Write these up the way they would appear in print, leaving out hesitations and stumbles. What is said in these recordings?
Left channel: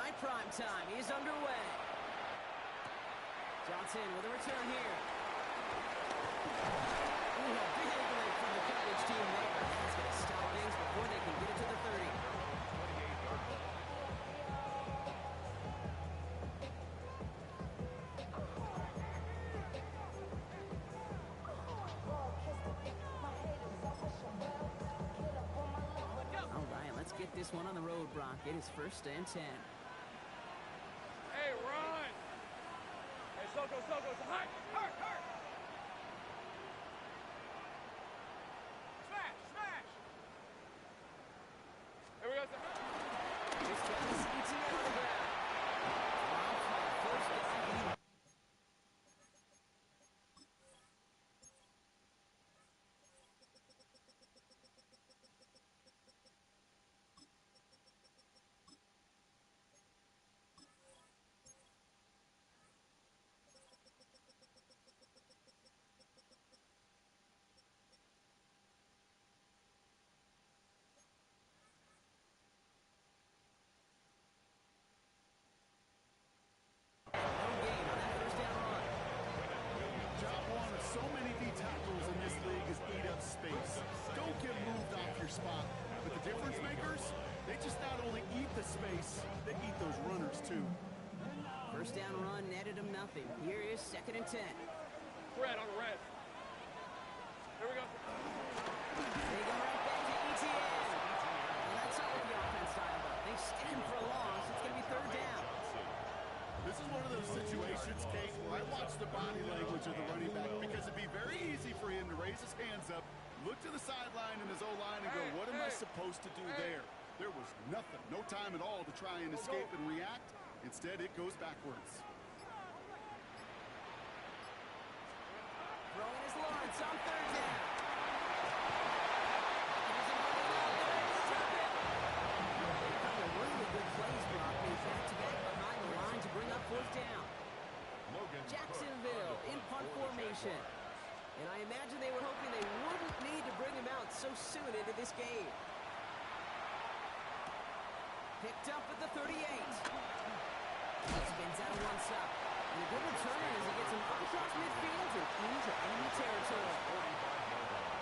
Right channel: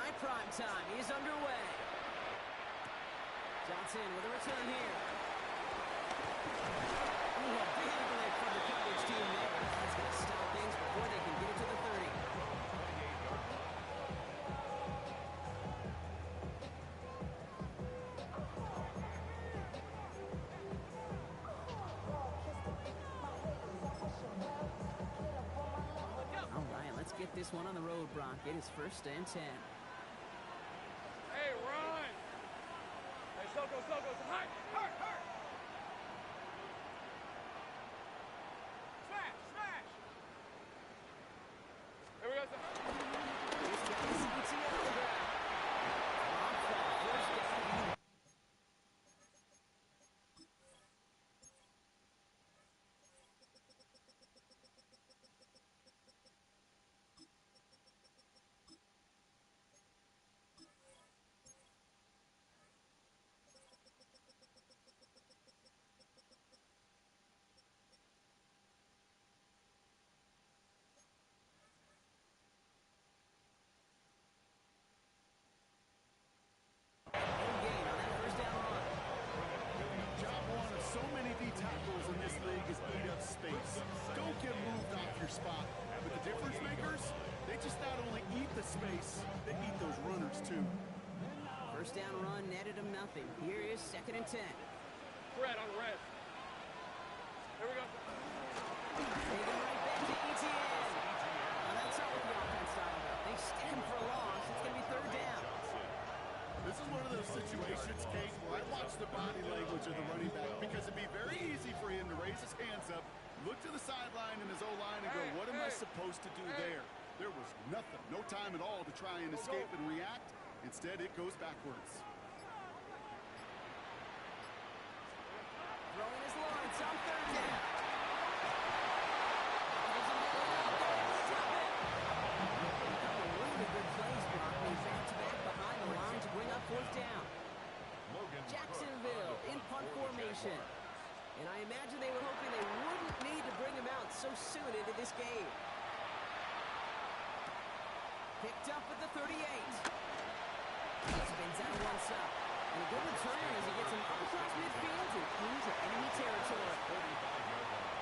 Night prime time is underway. Johnson with a return here. Ooh, a big lift from the coverage team there. That's going to stop things before they can get it to the 30. All right, let's get this one on the road, Brock. It is 1st and 10. Hey, run! Hey, Soko, hurt! Smash! Here we go, This guy is ETN on the ground. Long flat, first down. Tackles in this league is eat up space. Don't get moved off your spot. But the difference makers, they just not only eat the space, they eat those runners too. First down run netted him nothing. Here is 2nd and 10. Red on red. Here we go. They go right back to ETN. Now that's not what the offense style though. They stick him for a loss. It's going to be 3rd down. This is one of those situations, Kate, where I watch the body language of the running back because it'd be very easy for him to raise his hands up, look to the sideline in his O-line and go, what am I supposed to do there? There was nothing, no time at all to try and escape and react. Instead, it goes backwards. Throwing is Lawrence on 3rd down. A couple of really good plays, Brock, made back-to-back behind the line to bring up 4th down. Jacksonville in punt formation. And I imagine they were hoping they wouldn't need to bring him out so soon into this game. Picked up at the 38. Spins out of one stop. And a good return as he gets him up across midfield and into enemy territory. 45-yard line.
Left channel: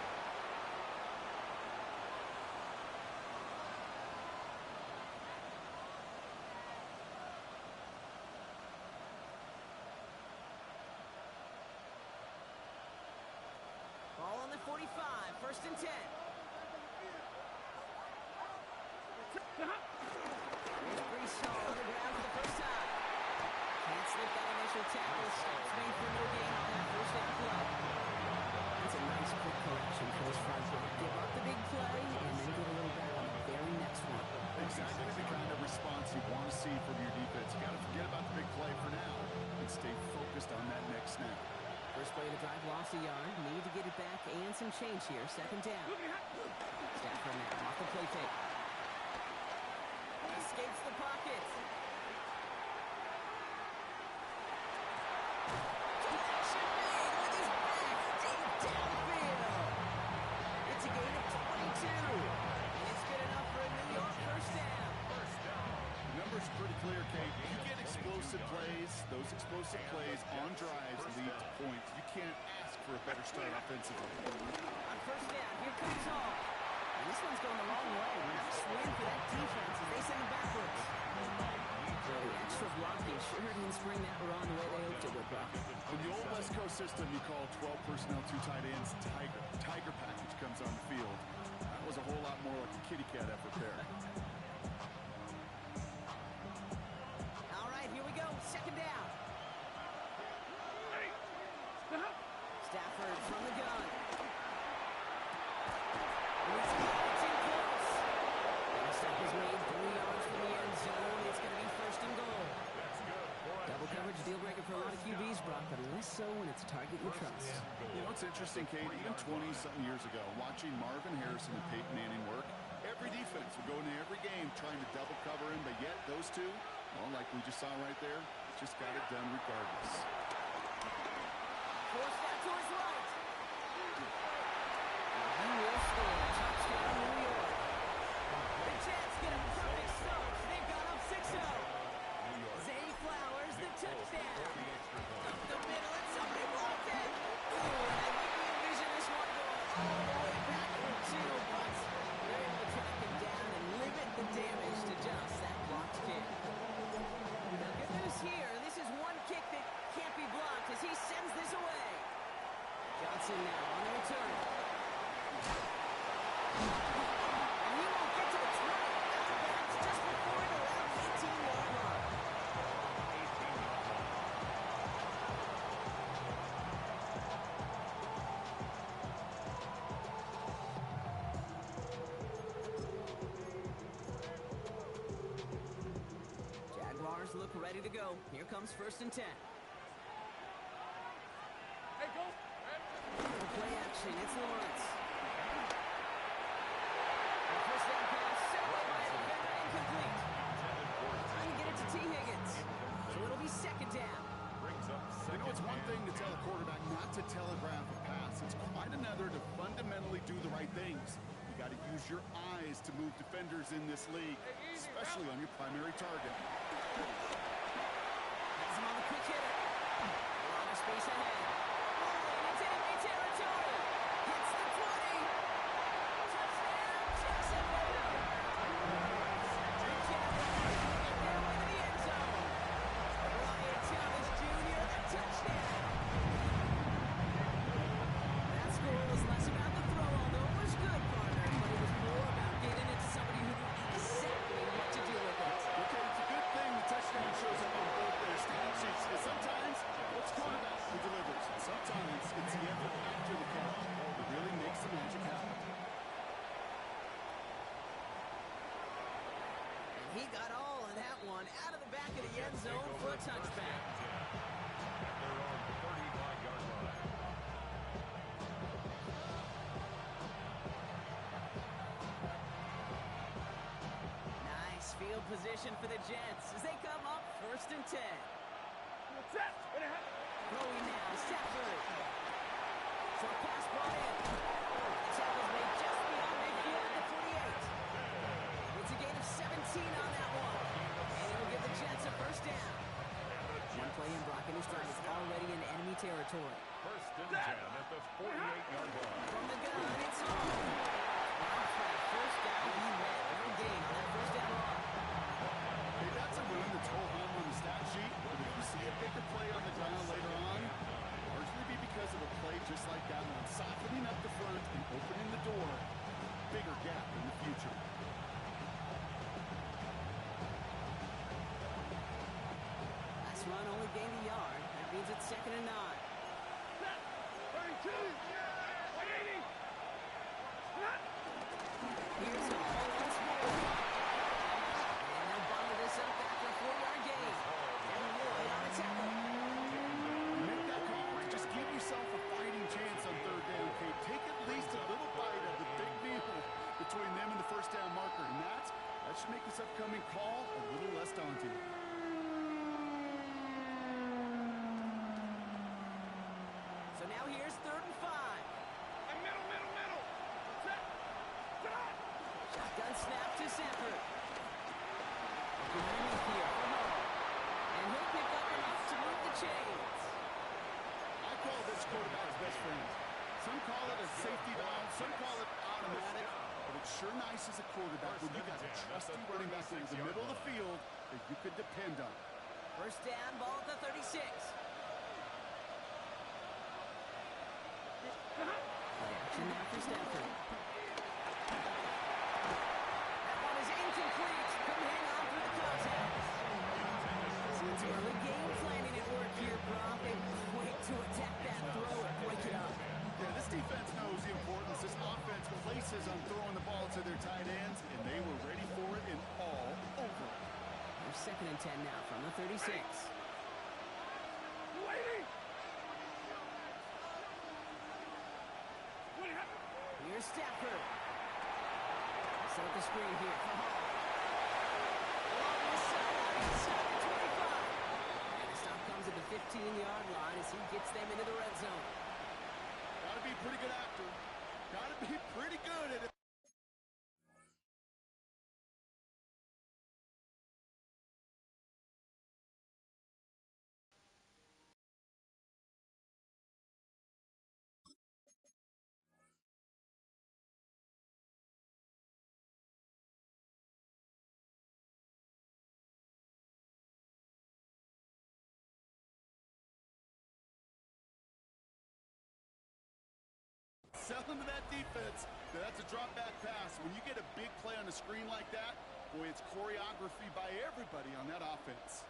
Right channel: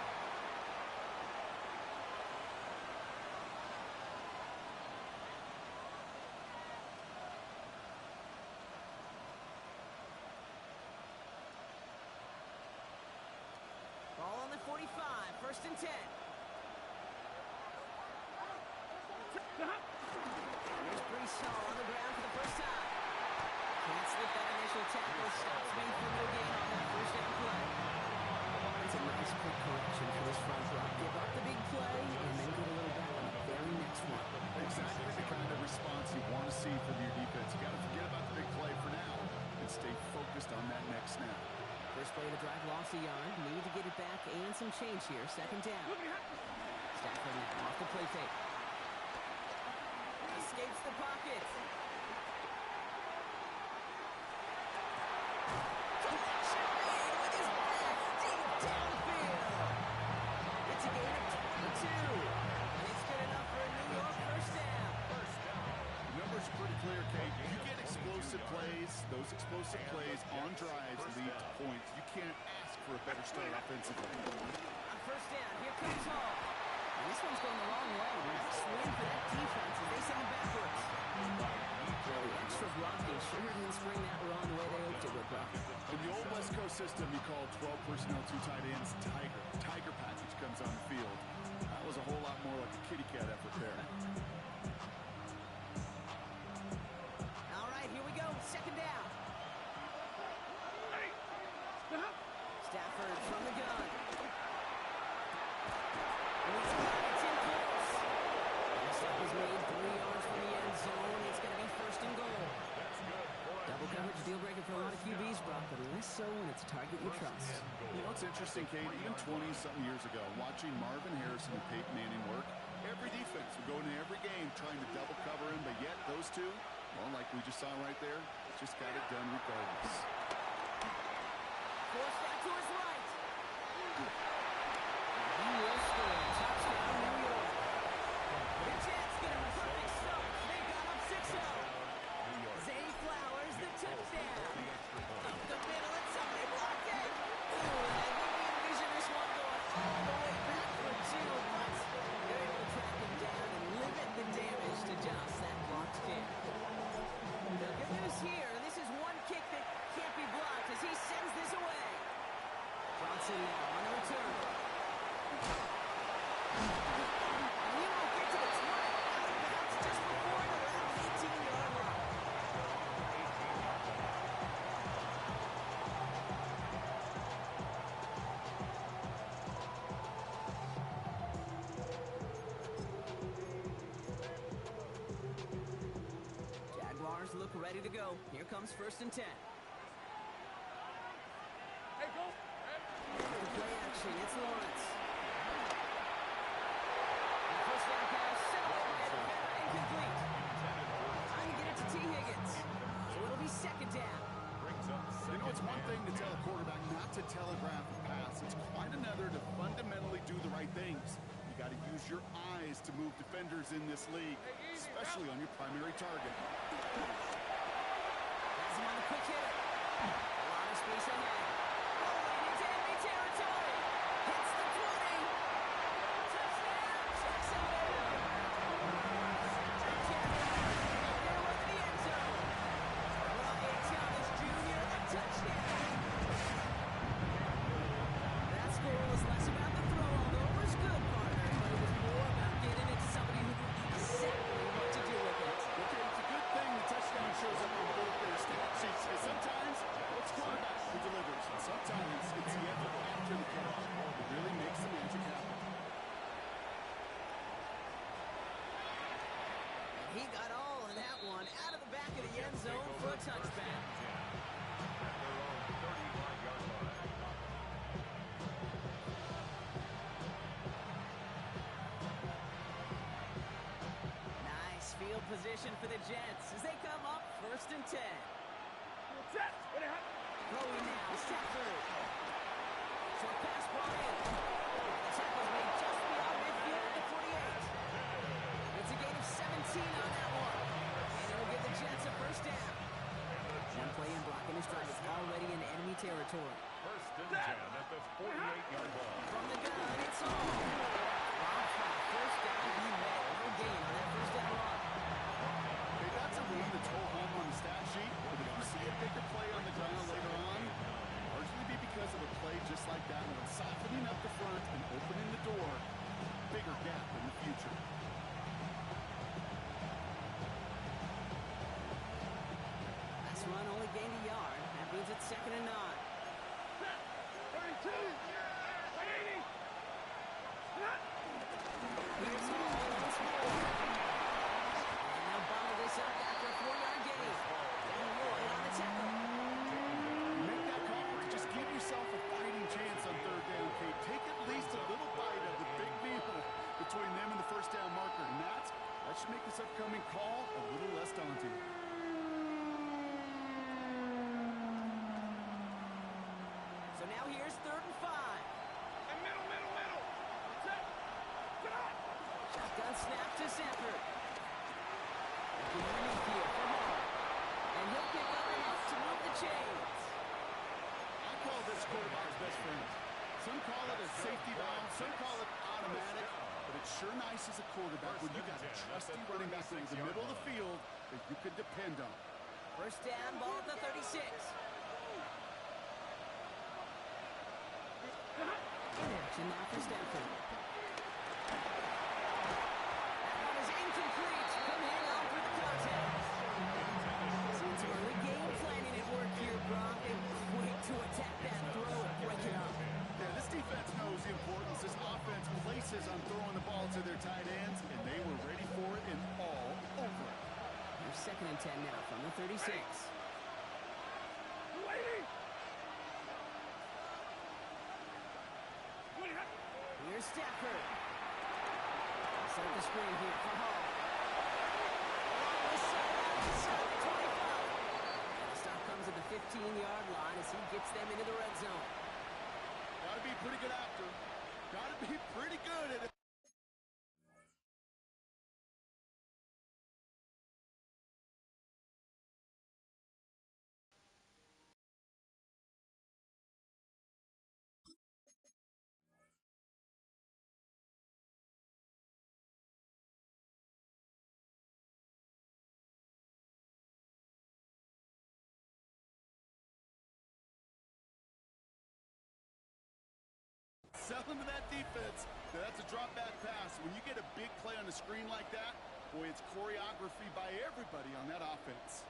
Ball on the 45, 1st and 10. Here's Brees Hall on the ground for the first time. Can't slip that initial tackle. Stops made for no gain on that 1st down play. That's a nice quick correction for this front block. Give up the big play and then get a little back on the very next one. Exactly the kind of response you want to see from your defense. You got to forget about the big play for now and stay focused on that next snap. First play of the drive, lost a yard. Need to get it back and some change here. 2nd down. Stafford now off the play fake. Escapes the pocket. Connection made with his back deep downfield. It's a gain of 22. And it's good enough for a New York 1st down. The number's pretty clear, Kate. You get explosive plays. Those explosive plays on drives lead to points. You can't ask for a better start offensively. On 1st down, here comes Hall. And this one's going the wrong way. Nice win for that defense as they send him backwards. The extra blocking sure didn't spring that run the way they hoped it would, Brock. In the old West Coast system, you call 12 personnel, 2 tight ends, Tiger. Tiger package comes on the field. That was a whole lot more like a kitty cat effort there. All right, here we go. 2nd down. Stafford from the gun. It's in close. And step is made 3 yards from the end zone. It's going to be 1st and goal. That's good. Double coverage deal breaker for a lot of QBs, Brock, but less so when it's a target you trust. You know, it's interesting, Kate, even 20-something years ago, watching Marvin Harrison and Peyton Manning work, every defense would go into every game trying to double cover him, but yet those two, well, like we just saw right there, just got it done regardless. Forced that to his right. And he will score. Touchdown, New York. The Jets get a perfect start. They've got up 6-0. playbook ready to go. Here comes 1st and 10. Hey, go. Play action, it's Lawrence. First down pass, sent away by a defender, incomplete. Trying to get it to T. Higgins. So it'll be 2nd down. You know, it's one thing to tell a quarterback not to telegraph a pass. It's quite another to fundamentally do the right things. You got to use your eyes to move defenders in this league, especially on your primary target. Has him on the quick hitter. A lot of space ahead. Rolling into enemy territory. Hits the 20. Touchdown, Jacksonville. Jaguars make their way to the end zone. Brian Thomas Jr., a touchdown. That score was less about the throw, although it was good, partner, but it was more about getting it to somebody who knew exactly what to do with it. Okay, it's a good thing the touchdown shows up on both their stat sheets, because sometimes it's quarterback who delivers, and sometimes it's the effort after the catch that really makes the magic happen. And he got all of that one out of the back of the end zone for a touchback. At their own 35-yard line. Nice field position for the Jets as they come up 1st and 10. Set. What happened? Throwing now, Stafford. Short pass brought in. The tackle's made just beyond midfield at the 48. It's a gain of 17 on that one. And it'll give the Jets a 1st down. One play in blocking his drive is already in enemy territory. 1st and 10 at the 48-yard line. From the gun, it's home. Rob flat, 1st down, he met. No gain on that 1st down run. Hey, that's a run that's ho-hum on the stat sheet, but if you see a bigger play on the ground later on, largely be because of a play just like that one, softening up the front and opening the door, bigger gap in the future. Last run only gained a yard. That means it's 2nd and 9. 32. 180. Here's Hall once more. And they'll bundle this up after a 4-yard gain. Devin Lloyd on the tackle. Make that call to just give yourself a fighting chance on 3rd down, Kate. Take at least a little bite of the big meal between them and the 1st down marker, and that should make this upcoming call a little less daunting. So now here's 3rd and 5. And middle. Set. Sit on. Shotgun snap to Sanford. Looking underneath here for Hall. And he'll pick up enough to move the chains. I call this quarterback's best friend. Some call it a safety valve, some call it automatic, but it's sure nice as a quarterback when you got a trusty running back over the middle of the field that you could depend on. 1st down, ball at the 36. Action now for Stafford. That one is incomplete. Couldn't hang on through the contest. Seeing some early game planning at work here, Brock. They were quick to attack that throw and break it up. Yeah, this defense knows the importance. This offense places on throwing the ball to their tight ends, and they were ready for it and all over it. Here's 2nd and 10 now from the 36. Waiting. What happened? Here's Stafford. Set up the screen here for Hall. Along this sideline, inside the 25. And the stop comes at the 15-yard line as he gets them into the red zone. Gotta be pretty good actor. Gotta be pretty good at it. Sell into that defense. That's a drop back pass. When you get a big play on a screen like that, boy, it's choreography by everybody on that offense.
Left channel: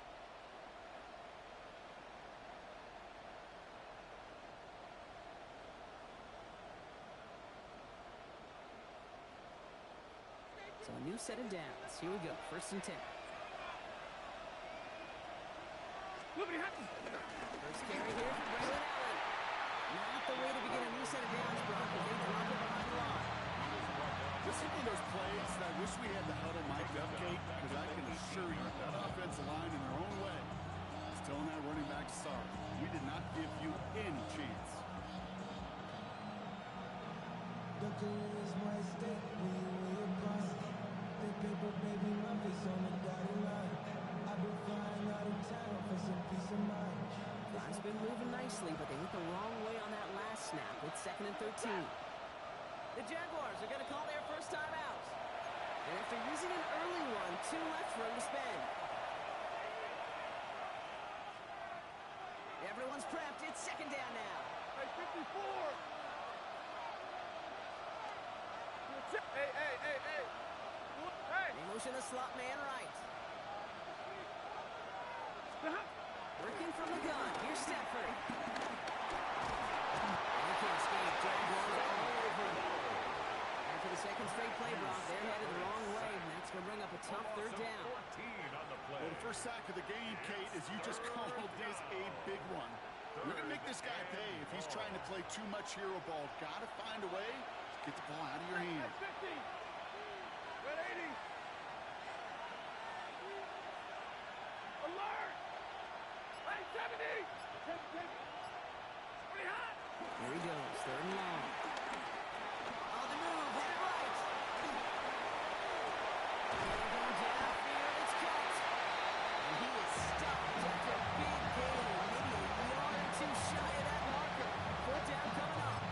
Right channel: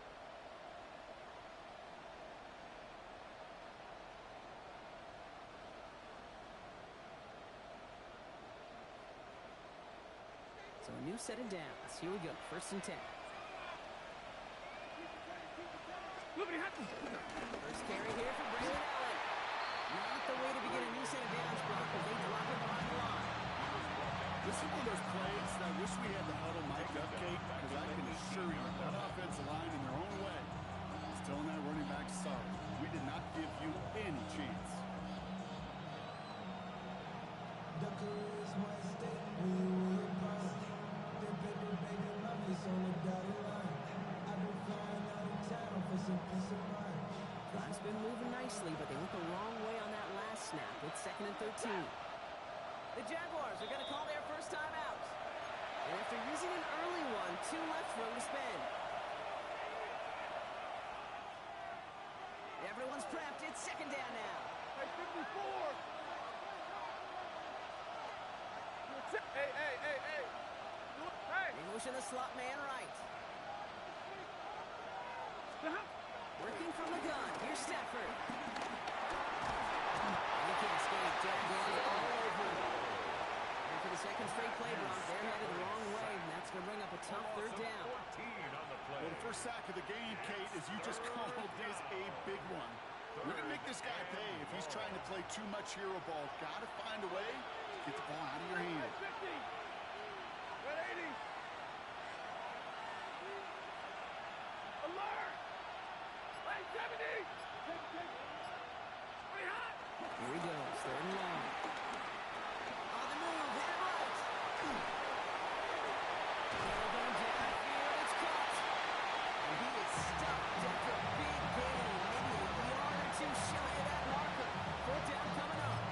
So a new set of downs. Here we go. 1st and 10. First carry here for Braylon Allen. Not the way to begin a new set of downs, Brock, as they drop it behind the line. This is one of those plays that I wish we had the huddle mic'd up, Kate, because I can assure you that offensive line in their own way is telling that running back, sorry, we did not give you any chance. The career is more at stake when you in your prime. That paper, baby, my face on the dotted line. I've been flying out of town for some peace of mind. Time's been moving nicely, but they went the wrong way on that last snap. It's 2nd and 13. The Jaguars are going to call their first time out. And after using an early one, 2 left for him to spend. Everyone's prepped. It's 2nd down now. Hey, 54. Hey. Hey. They motion the slot man right. Working from the gun. Here's Stafford. And he can't escape. Jaguars all over him. And for the second straight play, Brock, they're headed the wrong way, and that's going to bring up a tough 3rd down. 14 on the play. Well, the first sack of the game, Kate, as you just called, is a big one. We're going to make this guy pay if he's trying to play too much hero ball. Got to find a way to get the ball out of your hand. 50. Red 80. Alert. Line 70. Take. Pretty hot. Here he goes, 3rd and long. On the move, headed right. Taylor going downfield, it's caught. And he is stopped after a big gain, maybe a yard or 2 shy of that marker. 4th down coming up.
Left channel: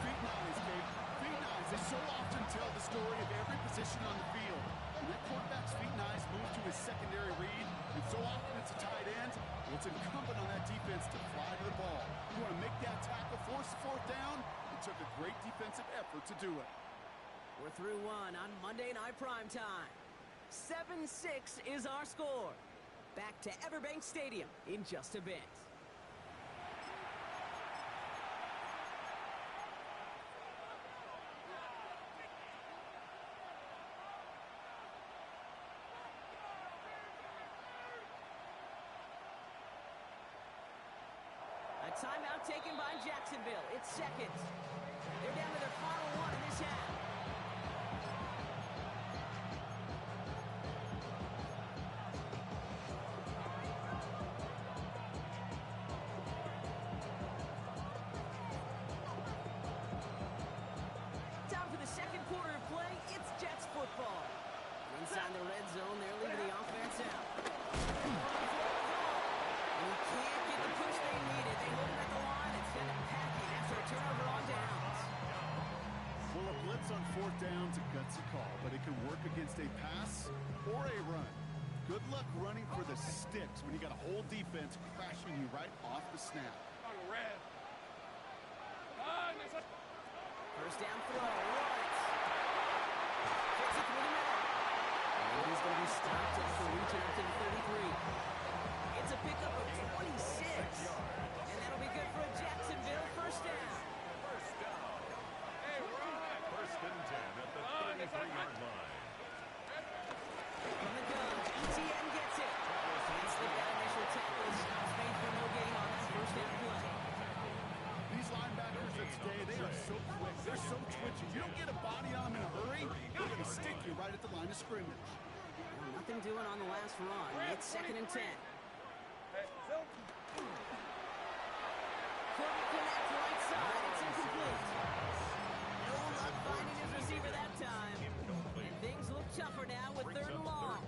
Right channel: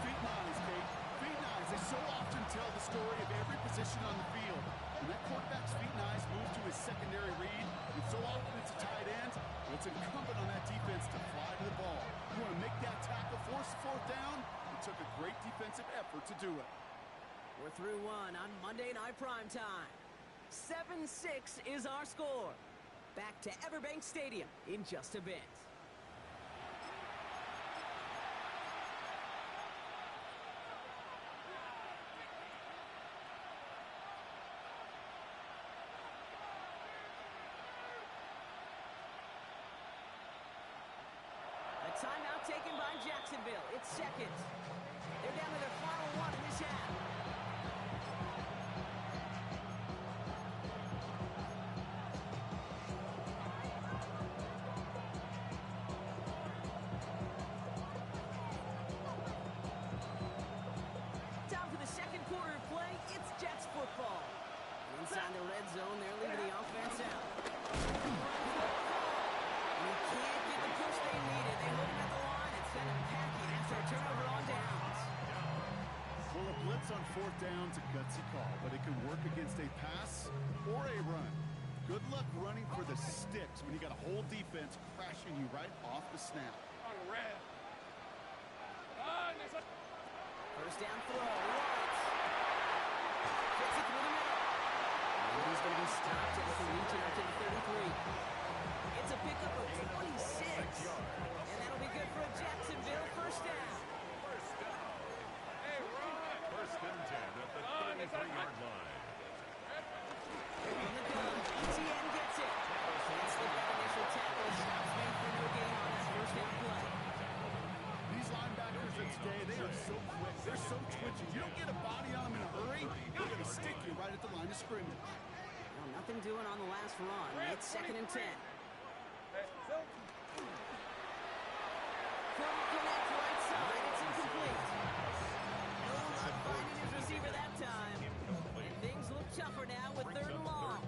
Feet and eyes, Kate. Feet and eyes. They so often tell the story of every position on the field. When that quarterback's feet and eyes move to his secondary read, and so often it's a tight end, well, it's incumbent on that defense to fly to the ball. You want to make that tackle, force the 4th down? It took a great defensive effort to do it. We're through one on Monday Night Primetime. 7-6 is our score. Back to Everbank Stadium in just a bit. A timeout taken by Jacksonville. It's 2nd. They're down to their final one in this half. Time for the 2nd quarter of play. It's Jets football. Inside the red zone, they're leaving the offense out. And he can't get the push they needed. They hold him at the line and send him packing after a turnover on downs. Well, a blitz on 4th down's a gutsy call, but it can work against a pass or a run. Good luck running for the sticks when you got a whole defense crashing you right off the snap. On red. First down throw, Lawrence. Gets it through the middle. And he's going to be stopped after reaching up to the 33. It's a pickup of 26. And that'll be good for a Jacksonville first down. Hey, run. 1st and 10 at the 33-yard line. From the gun, ETN gets it. Can't slip that initial tackle. Stops made for no gain on that first down play. These linebackers of today, they are so quick. They're so twitchy. You don't get a body on them in a hurry, they're going to stick you right at the line of scrimmage. Well, nothing doing on the last run. It's 2nd and 10. Hey, Phil. Couldn't connect right side. It's incomplete. No luck finding his receiver that time. And things look tougher now with 3rd and long.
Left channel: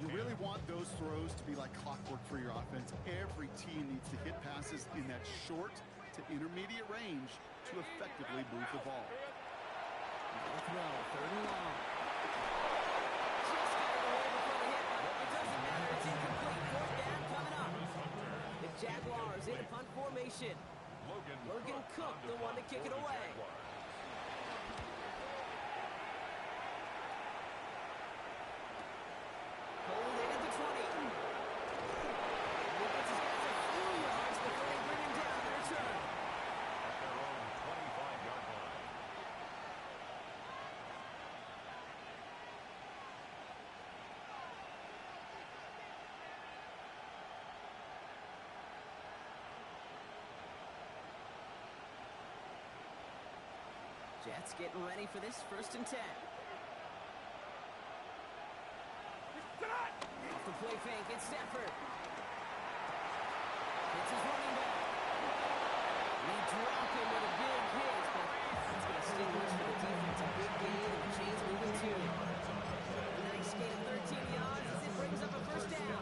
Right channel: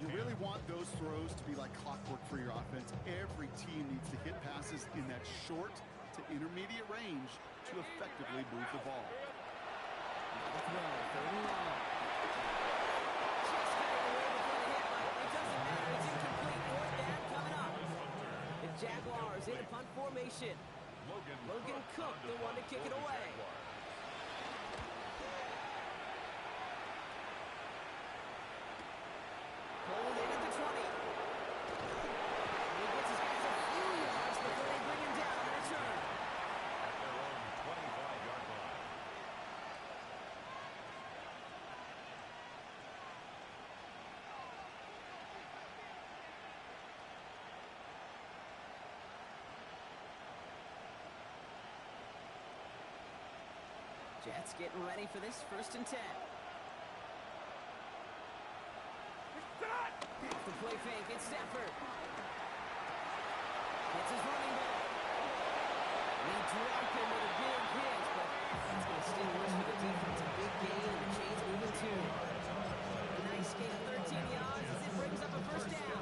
You really want those throws to be like clockwork for your offense. Every team needs to hit passes in that short to intermediate range to effectively move the ball. No throw, 3rd and long. Just got it away before the hit, but it doesn't matter. It's incomplete. 4th down coming up. The Jaguars in a punt formation. Logan Cook, the one to kick it away. Pulled in at the 20. He gets his guys a few yards before they bring him down to return. At their own 25-yard line. Jets getting ready for this 1st and 10. Off the play fake, it's Stafford. It's his running back. And they drop him with a big hit, but that's going to sting worse for the defense. A big gain, and the chain's moving too. A nice gain of 13 yards as it brings up a 1st down.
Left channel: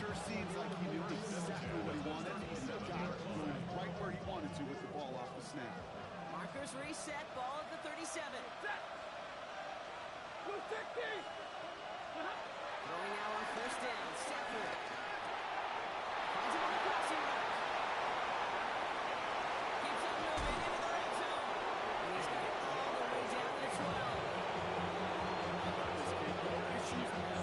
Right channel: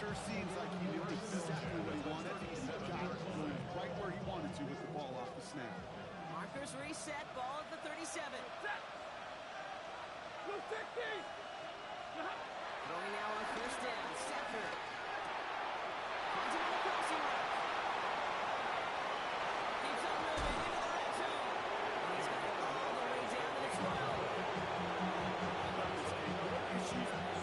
Sure seems like he knew exactly what he wanted, and he got it, going right where he wanted to with the ball off the snap. Markers reset, ball at the 37. Throwing now on 1st down, Stafford. Finds him on the crossing route. Keeps on moving into the red zone. And he's got it all the way down to the 12. How about this, Kate? No issues at all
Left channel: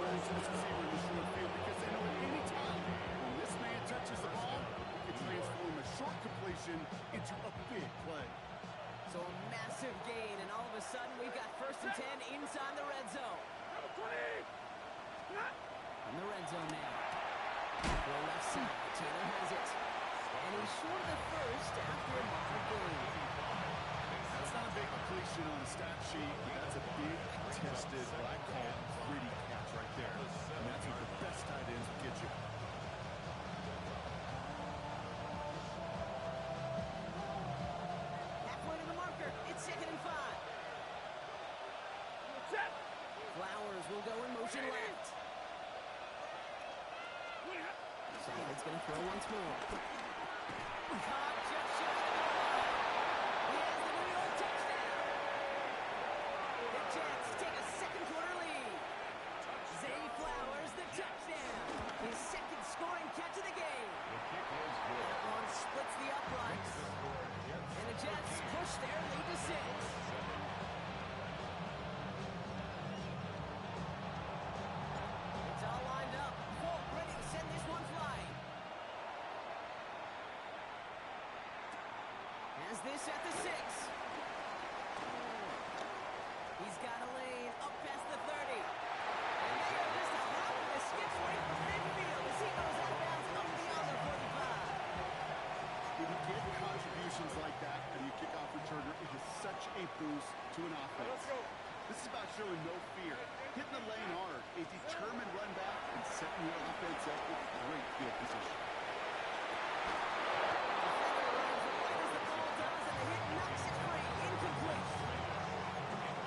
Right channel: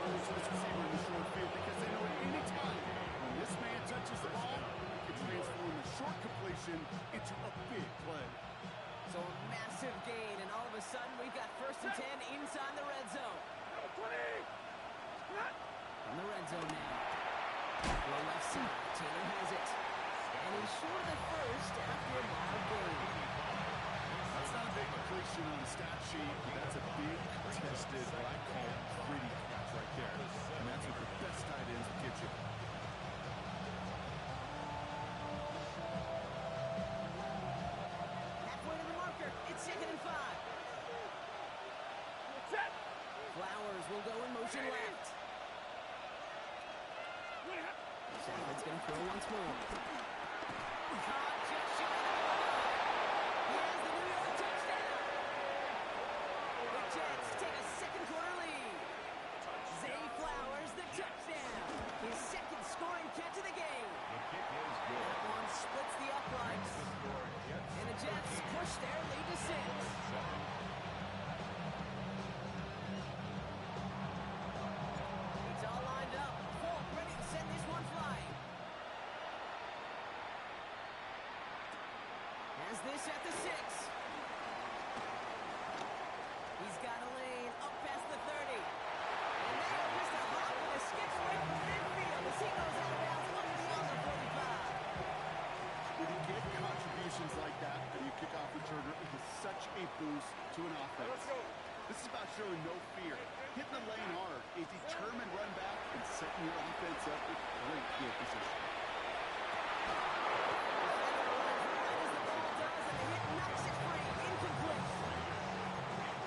going to this receiver in the short field because they know at any time when this man touches the ball, he can transform a short completion into a big play. So a massive gain, and all of a sudden we've got 1st and 10 inside the red zone. From the red zone now. Throw left side. Taylor has it. And he's short of the 1st after a mild gain. That's not a big completion on a stat sheet, but that's a big contested, what I call gritty catch right there. And that's what the best tight ends will get you. Halfway to the marker. It's 2nd and 5. Flowers will go in motion left. Stafford's going to throw once more. Caught just shy of the goal line. He has the New York touchdown. The Jets take a 2nd quarter lead. Zay Flowers, the touchdown. His 2nd scoring catch of the game. The kick is good. That one splits the uprights. The score, Jets And the Jets 13, push their lead to 6. 7. It's all lined up. Folk ready to send this one flying. Has this at the 6. He's got a lane up past the 30. And they are just a hop and a skip away from midfield as he goes out of bounds up beyond the 45. When you get contributions like that out of your kickoff returner, it is such a boost to an offense. This is about showing no fear, hitting the lane hard, a determined run back, and setting your offense up with great field position. Defender runs right as the ball does, and the hit knocks it free. Incomplete.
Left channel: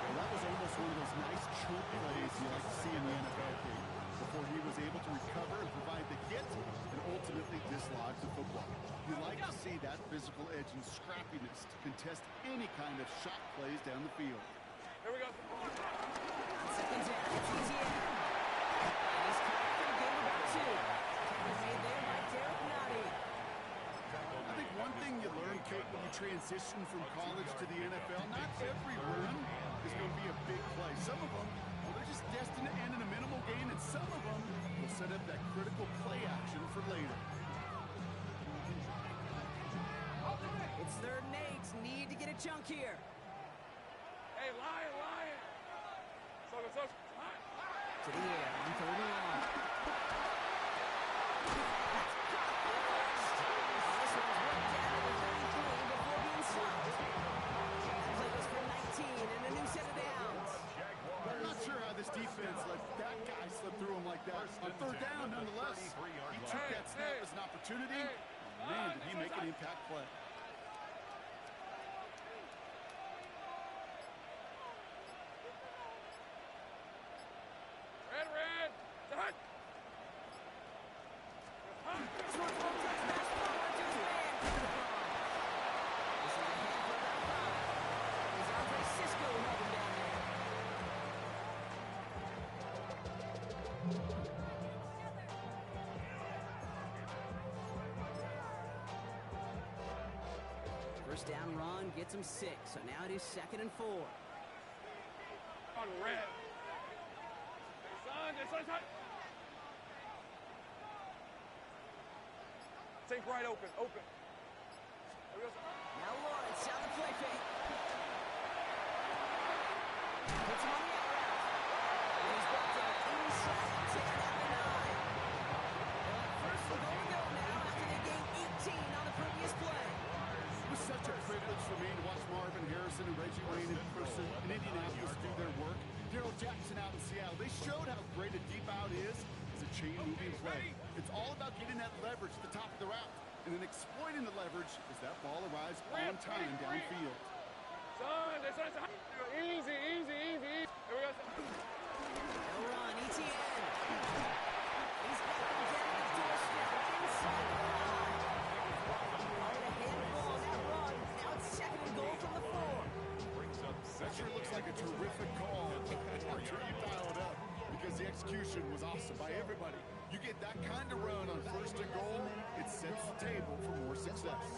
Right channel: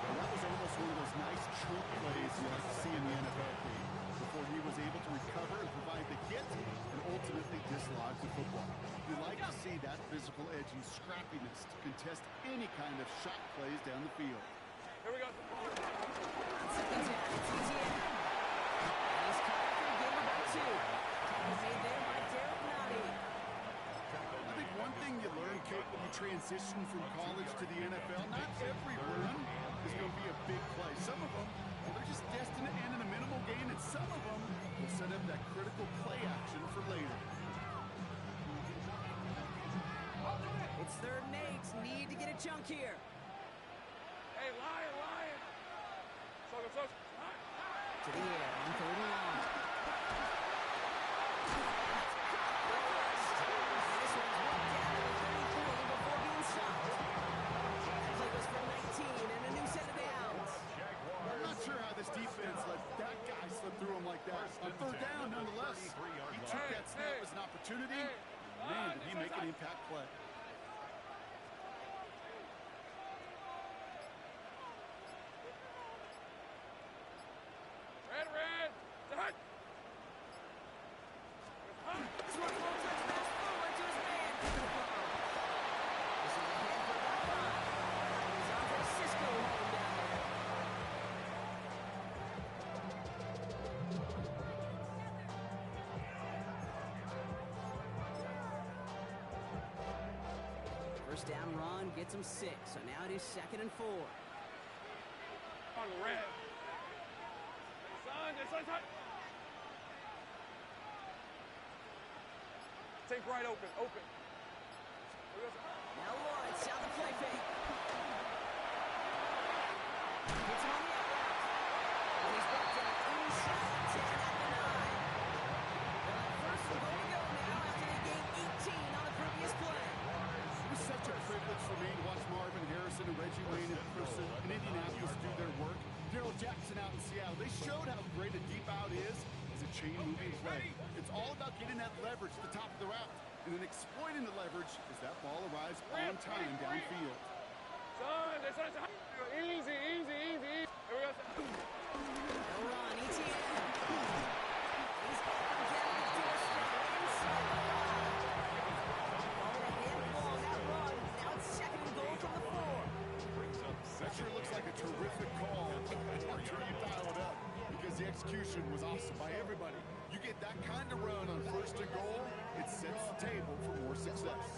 Well, that was almost one of those nice choke plays you like to see in the NFL, Kate, before he was able to recover and provide the hit and ultimately dislodge the football. You like to see that physical edge and scrappiness to contest any kind of shot plays down the field. Here we go. On 2nd down, it's Etienne. And he's caught after a game about 2. Tackle made there by Derek Nottie. I think one thing you learn, Kate, when you transition from college to the NFL, not every run is going to be a big play. Some of them, well, they're just destined to end in a minimal gain, and some of them will set up that critical play action for later. It's 3rd and 8. Need to get a chunk here. Hey, Lion. To the air on 3rd and long. That's caught for the 1st. And this one's worked down to the 33 before being stopped. That play goes for 19 and a new set of downs. I'm not sure how this defense let that guy slip through him like that. On 3rd down, nonetheless, he took that snap as an opportunity. Man, did he make an impact play. Red. Hut. Swartz won't touch pass forward to his man for the ball. This is ahead for about 5. It was Andre Cisco holding down there. First down run gets him 6, so now it is 2nd and 4. On red. Son. Take right open. Here we go, son. Now Lawrence out the play fake. Hits him on the out route. And he's brought down inside the 10 at the 9. They'll have 1st and goal to go now after they gained 18 on the previous play. It was such a privilege for me to watch Marv Marvin Harrison and Reggie Wayne in person in Indianapolis do their work. Darrell Jackson out in Seattle. They showed how great a deep out is as a chain-moving play. It's all about getting that leverage at the top of the route and then exploiting the leverage as that ball arrives on time downfield. Son, easy. Here we go. No run, ETN. He's got them down the doorstep inside the 5. All in a handful on that run. Now it's 2nd and goal from the 4. That sure looks like a terrific call after you dial it up because the execution was awesome by everybody. You get that kind of run on 1st and goal, it sets the table for more success.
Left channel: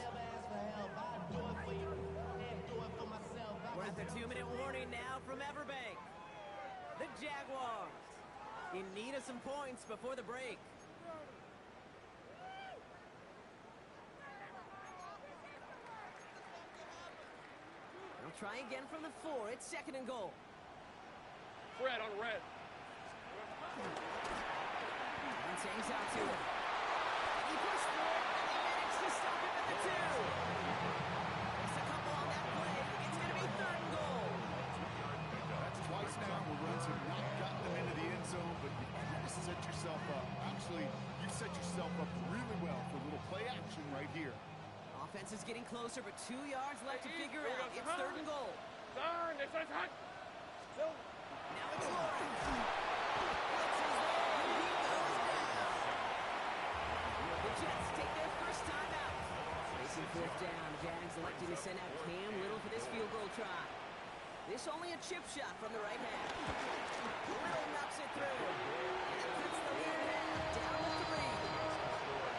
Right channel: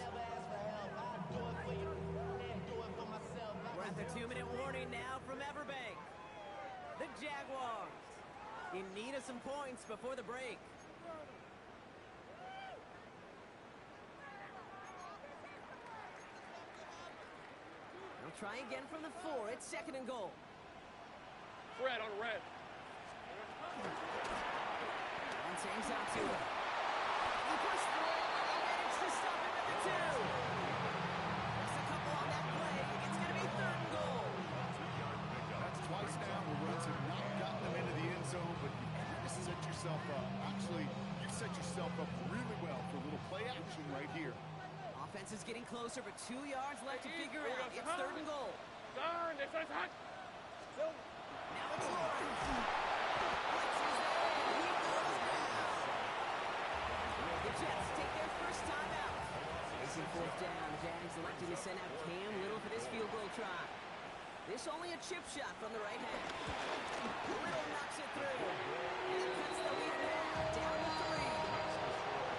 We're at the 2-minute warning now from Everbank. The Jaguars in need of some points before the break. They'll try again from the 4. It's 2nd and goal. Red on red. Montang's out to him. And he pushed through it, and they managed to stop him at the 2. Just a couple on that play. It's going to be 3rd and goal. That's twice now where runs have not gotten them into the end zone, but you kind of set yourself up. Actually, you set yourself up really well for a little play action right here. Offense is getting closer, but 2 yards left to figure out. It's 3rd and goal. Son, it's hot. Now it's Lawrence. Blitz is there, and he goes down. The Jets take their first time out. Facing 4th down, Jags electing to send out Cam Little for this field goal try. This only a chip shot from the right hand. Little knocks it through. And it cuts the lead in half, down to 3.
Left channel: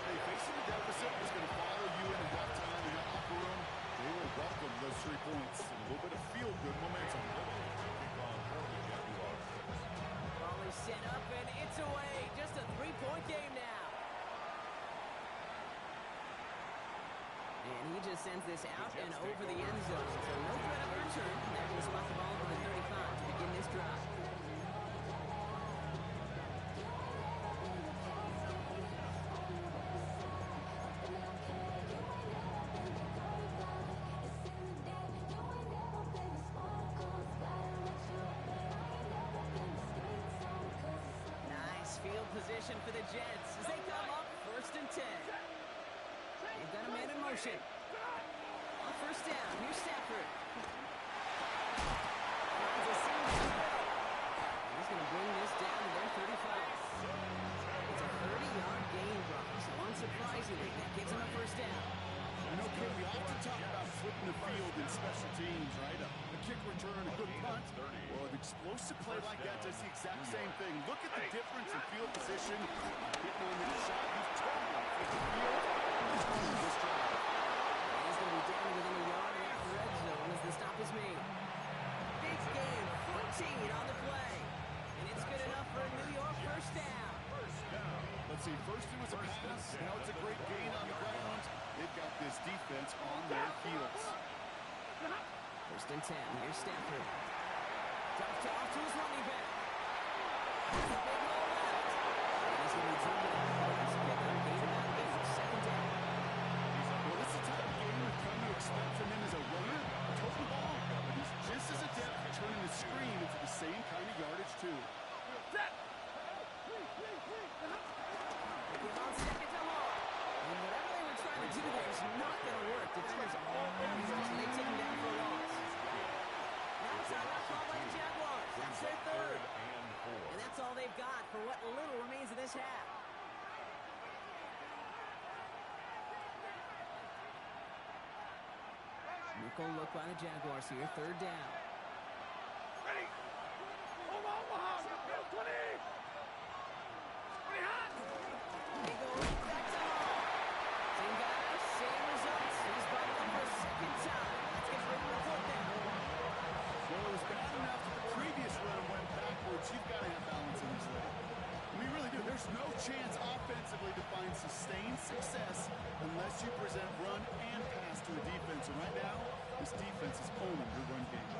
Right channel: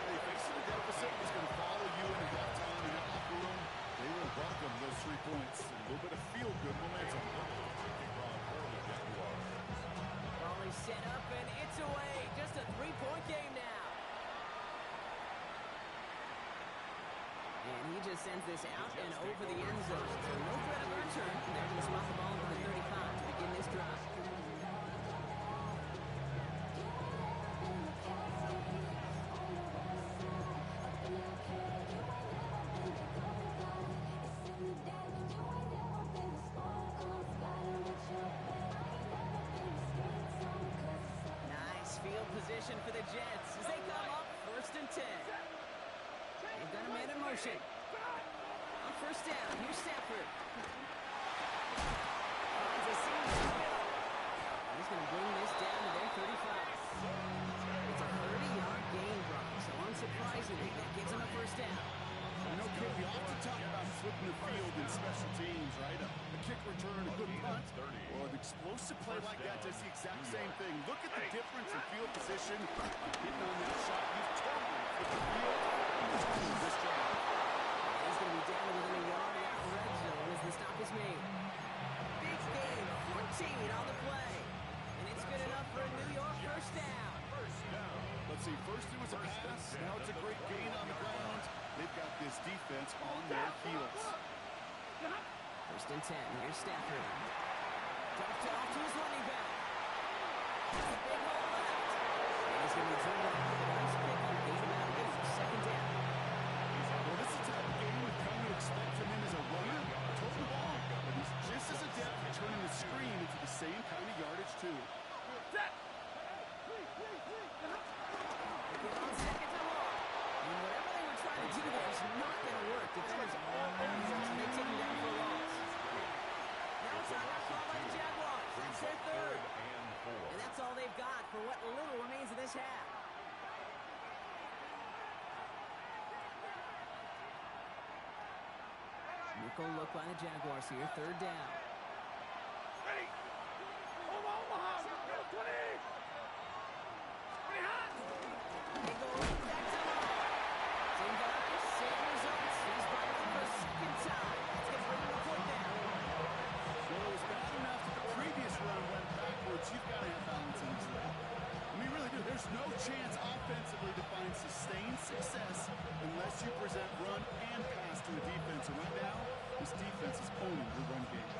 Hey, facing a deficit is going to follow you into halftime in that locker room. They will welcome those 3 points and a little bit of feel-good momentum. Ball is set up, and it's away. Just a 3-point game now. And he just sends this out and over the end zone. So no threat of a return. They're going to spot the ball over the 35 to begin this drive. Nice field position for the Jets as they come up 1st and 10. They've got a man in motion. On 1st down, here's Stafford. Finds a seam down the middle. He's going to bring this down to their 35. It's a 30-yard gain, Brock, so unsurprisingly, that gives them a 1st down. You know, Kid, we often talk about flipping the field in special teams, right? A kick return, a good punt. Well, an explosive play like that does the exact same thing. Look at the difference in field position. Hitting on that shot, you've totally flipped the field. This drive. And he's going to be down within a yard of that red zone as the stop is made. Big gain, 14 on the play. And it's good enough for a New York 1st down. Let's see, first it was a pass, now it's a great gain on the ground. They've got this defense on their heels. 1st and 10, here's Stafford. Dumped off to his running back. Has a big hole left. And he's going to be driven out for the next pickup. Gain about 8, 2nd down. Well, this is the type of game we've come to expect from him as a runner, total ball, but he's just as adept at turning the screen into the same kind of yardage, too. Give on 2nd to Hall. And whatever they were trying to do there is not going to work. Defenders all over him, so they take him down for a loss. Now it's timeout call by the Jaguars. That's their 3rd. And that's all they've got for what little remains of this half. Nickel look by the Jaguars here. 3rd down. Ready. Omaha. 20. They go back to Hall. Same guys, same results. He's brought it for a 2nd time. That's going to bring him to 4th down. Well, it was bad enough that the previous run went backwards. You've got to have balance in this league. We really do. There's no chance offensively to find sustained success unless you present run and pass to a defense. And right now, this defense is owning your run game.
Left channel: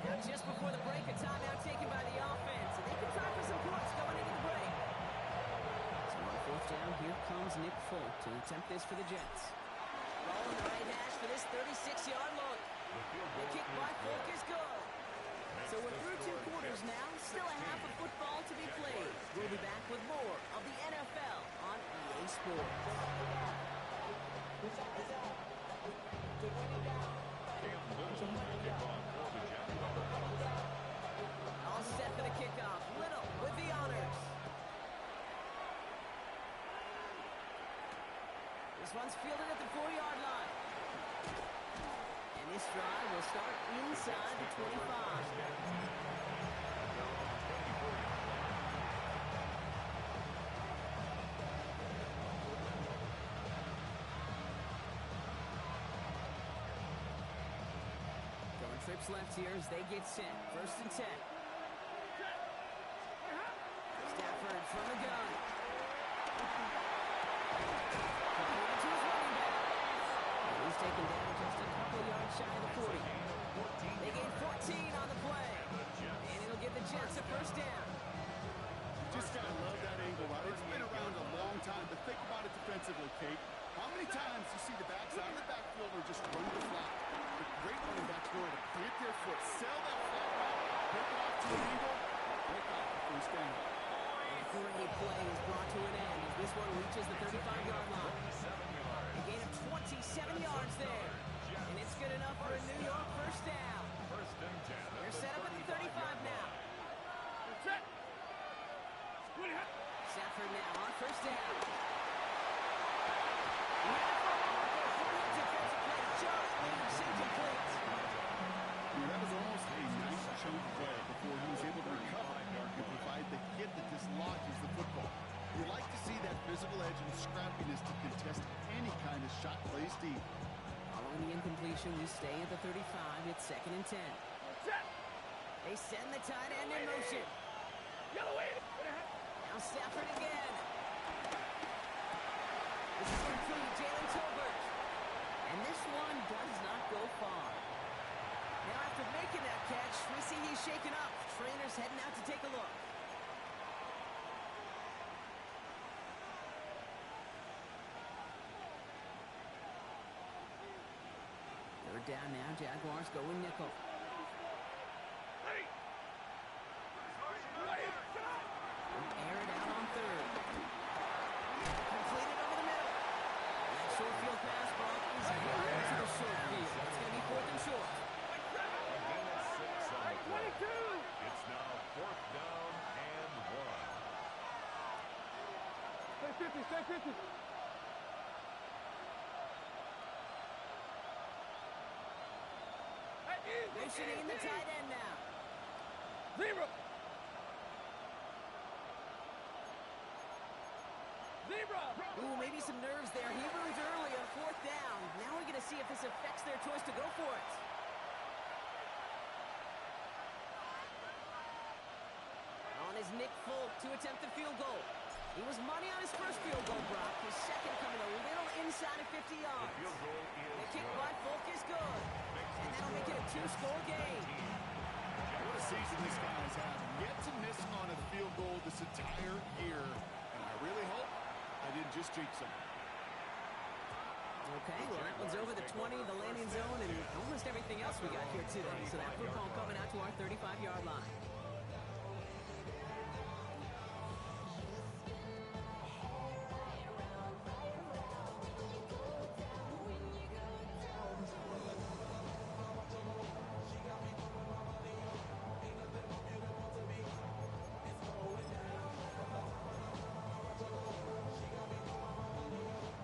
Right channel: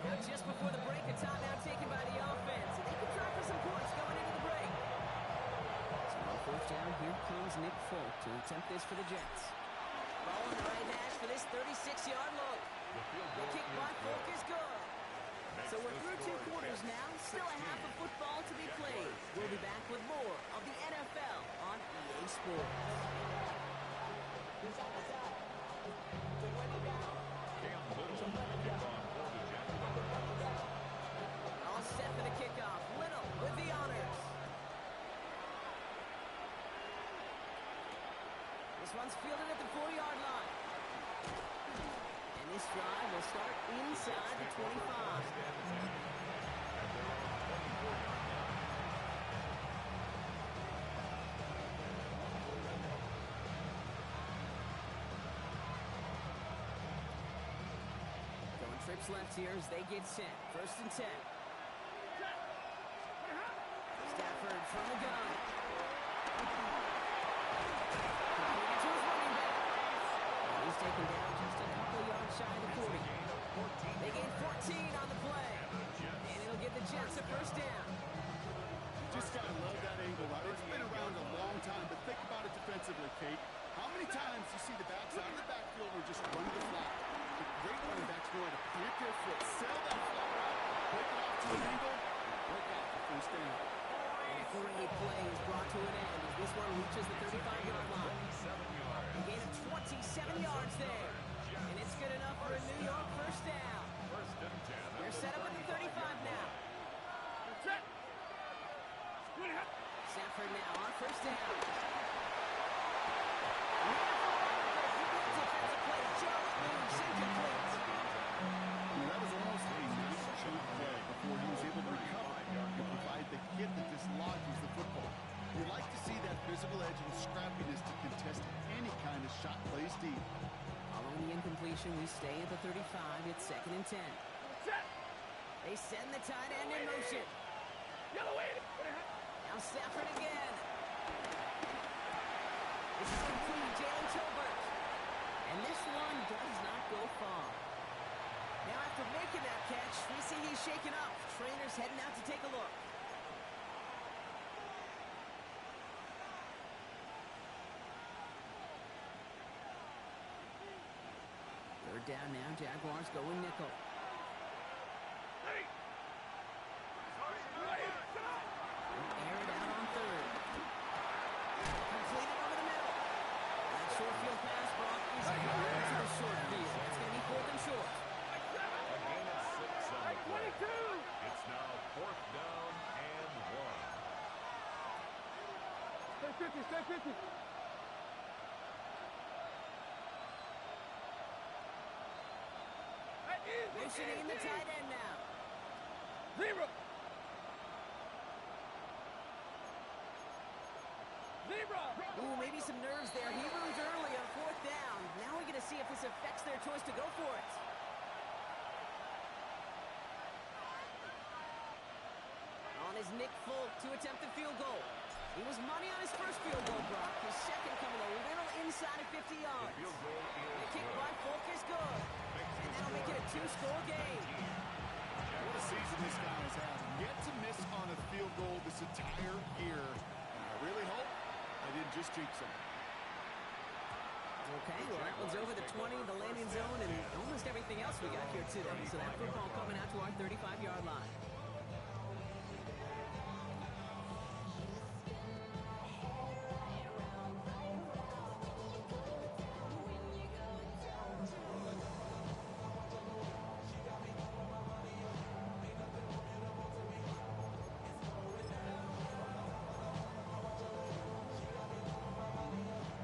Now just before the break, a timeout taken by the offense. And they can try for some points going into the break. So on fourth down, here comes Nick Folk to attempt this for the Jets. Ball in the right hash for this 36-yard look. The kick by Folk is good. So we're through 2 quarters now. Still a half of football to be played. We'll be back with more of the NFL on EA Sports. Cam Little to kick off for the Jaguars. All set for the kickoff. Little with the honors. This one's fielded at the 4-yard line. And this drive will start inside the 25. At their own 24-yard line. Going trips left here as they get set. 1st and 10. Stafford from the gun. Completed to his running back. And he's taken down just a couple yards shy of the 40. They gain 14 on the play. And it'll give the Jets a 1st down. Just gotta love that angle route. It's been around a long time, but think about it defensively, Kate. How many times you see the backs out of the backfield or just run the flat? The great running backs know how to plant their foot, sell that flat route, break it off to an angle, and break off the 1st down. A great play is brought to an end as this one reaches the 35-yard line. A gain of 27 yards there. And it's good enough for a New York 1st down. 1st and 10. They're set up at the 35 now. Stafford now on 1st down. Defensive play just leaves incomplete. That was almost a nice chunk play before he was able to recover and provide the hit that dislodges the football. You like to see that physical edge and scrappiness to contest any kind of shot plays deep. Following the incompletion, we stay at the 35. It's 2nd and 10. They send the tight end in motion. Now Stafford again. This is complete. Jalen Tolbert. And this one does not go far. Now after making that catch, we see he's shaken up. Trainer's heading out to take a look. Third down now, Jaguars going nickel. Air it out on 3rd. Completed over the middle. That short field pass, Brock, is going to the short field. It's going to be 4th and short. A gain of 6 on the play. It's now 4th down and 1. Stay 50. Motioning in the tight end now. Zebra. Ooh, maybe some nerves there. He moves early on 4th down. Now we're going to see if this affects their choice to go for it. On is Nick Folk to attempt the field goal. He was money on his first field goal, Brock. His second coming a little inside of 50 yards. The field goal is The kick good. by Folk is good. And that'll make it a 2-score game. What a season this guy has had. Yet to miss on a field goal this entire year. And I really hope I didn't just jinx him. Okay, well, that one's over the 20, the landing zone, and almost everything else we got here today. So that football coming out to our 35-yard line.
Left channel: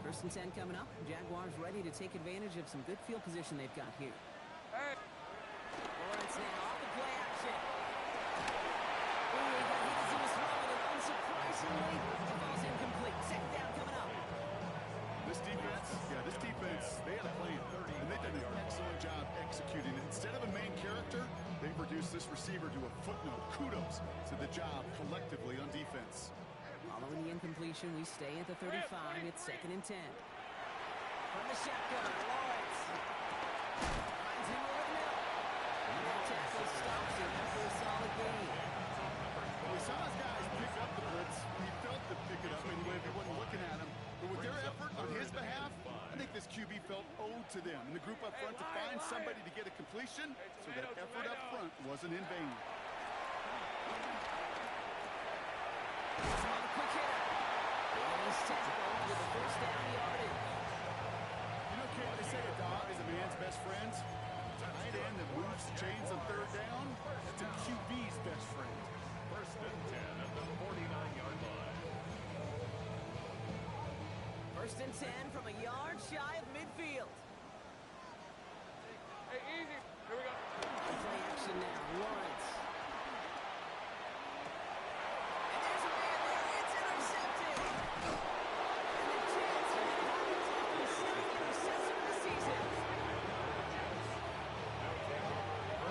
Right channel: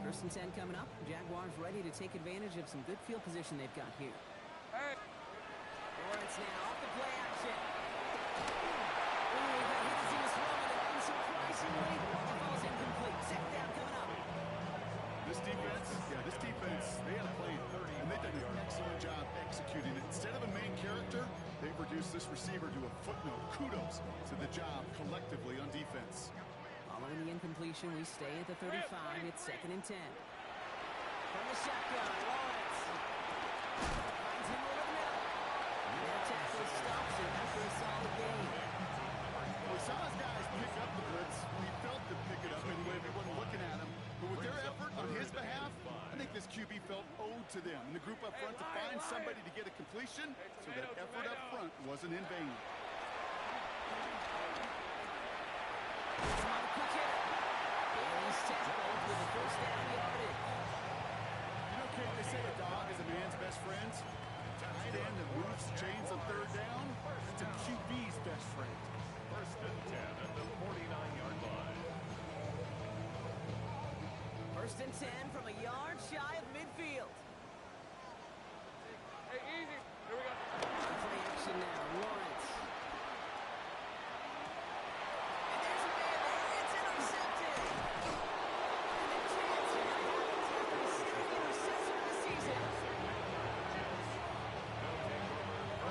First and 10 coming up. Jaguars ready to take advantage of some good field position they've got here. Lawrence now off the play action. Ooh, he got hit as he was throwing, and unsurprisingly, it falls incomplete. 2nd down coming up. This defense, they had a plan, and they've done an excellent job executing it. Instead of a main character, they've reduced this receiver to a footnote. Kudos to the job collectively on defense. Following the incompletion, we stay at the 35. It's 2nd and 10. From the shotgun, Lawrence finds him over the middle. And that tackle stops him after a solid gain. We saw his guys pick up the blitz. He felt to pick it up, and when everyone felt owed to them in the group up front to find somebody to get a completion, so that effort up front wasn't in vain. Another quick hitter. And he's tackled with a first down yardage. You know, Kate, they say a dog is a man's best friend. Tight end that moves chains on third down, that's a QB's best friend. First and 10 at the 49-yard line. First and 10 from a yard shy of midfield. Hey, easy. Here we go. Play action now. Lawrence. And there's a man there. It's intercepted. And the chance here to have it after his second interception of the season.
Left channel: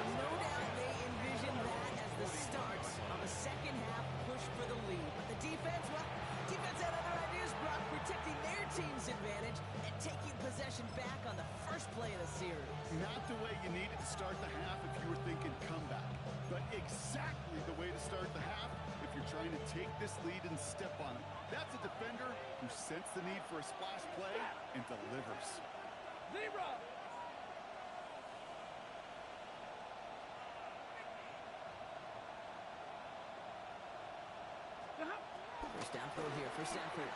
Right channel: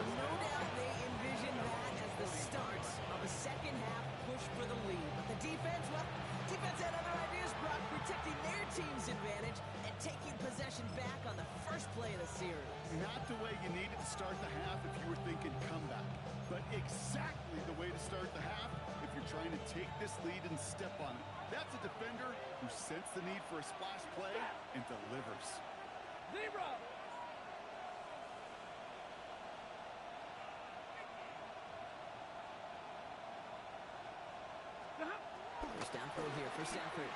No doubt they envisioned that as the start of a second half push for the lead. But the defense, well, defense had other ideas, Brock, protecting their team's advantage and taking possession back on the first play of the series. Not the way you needed to start the half if you were thinking comeback, but exactly the way to start the half if you're trying to take this lead and step on it. That's a defender who sensed the need for a splash play and delivers. Zebra. First down throw here for Stafford.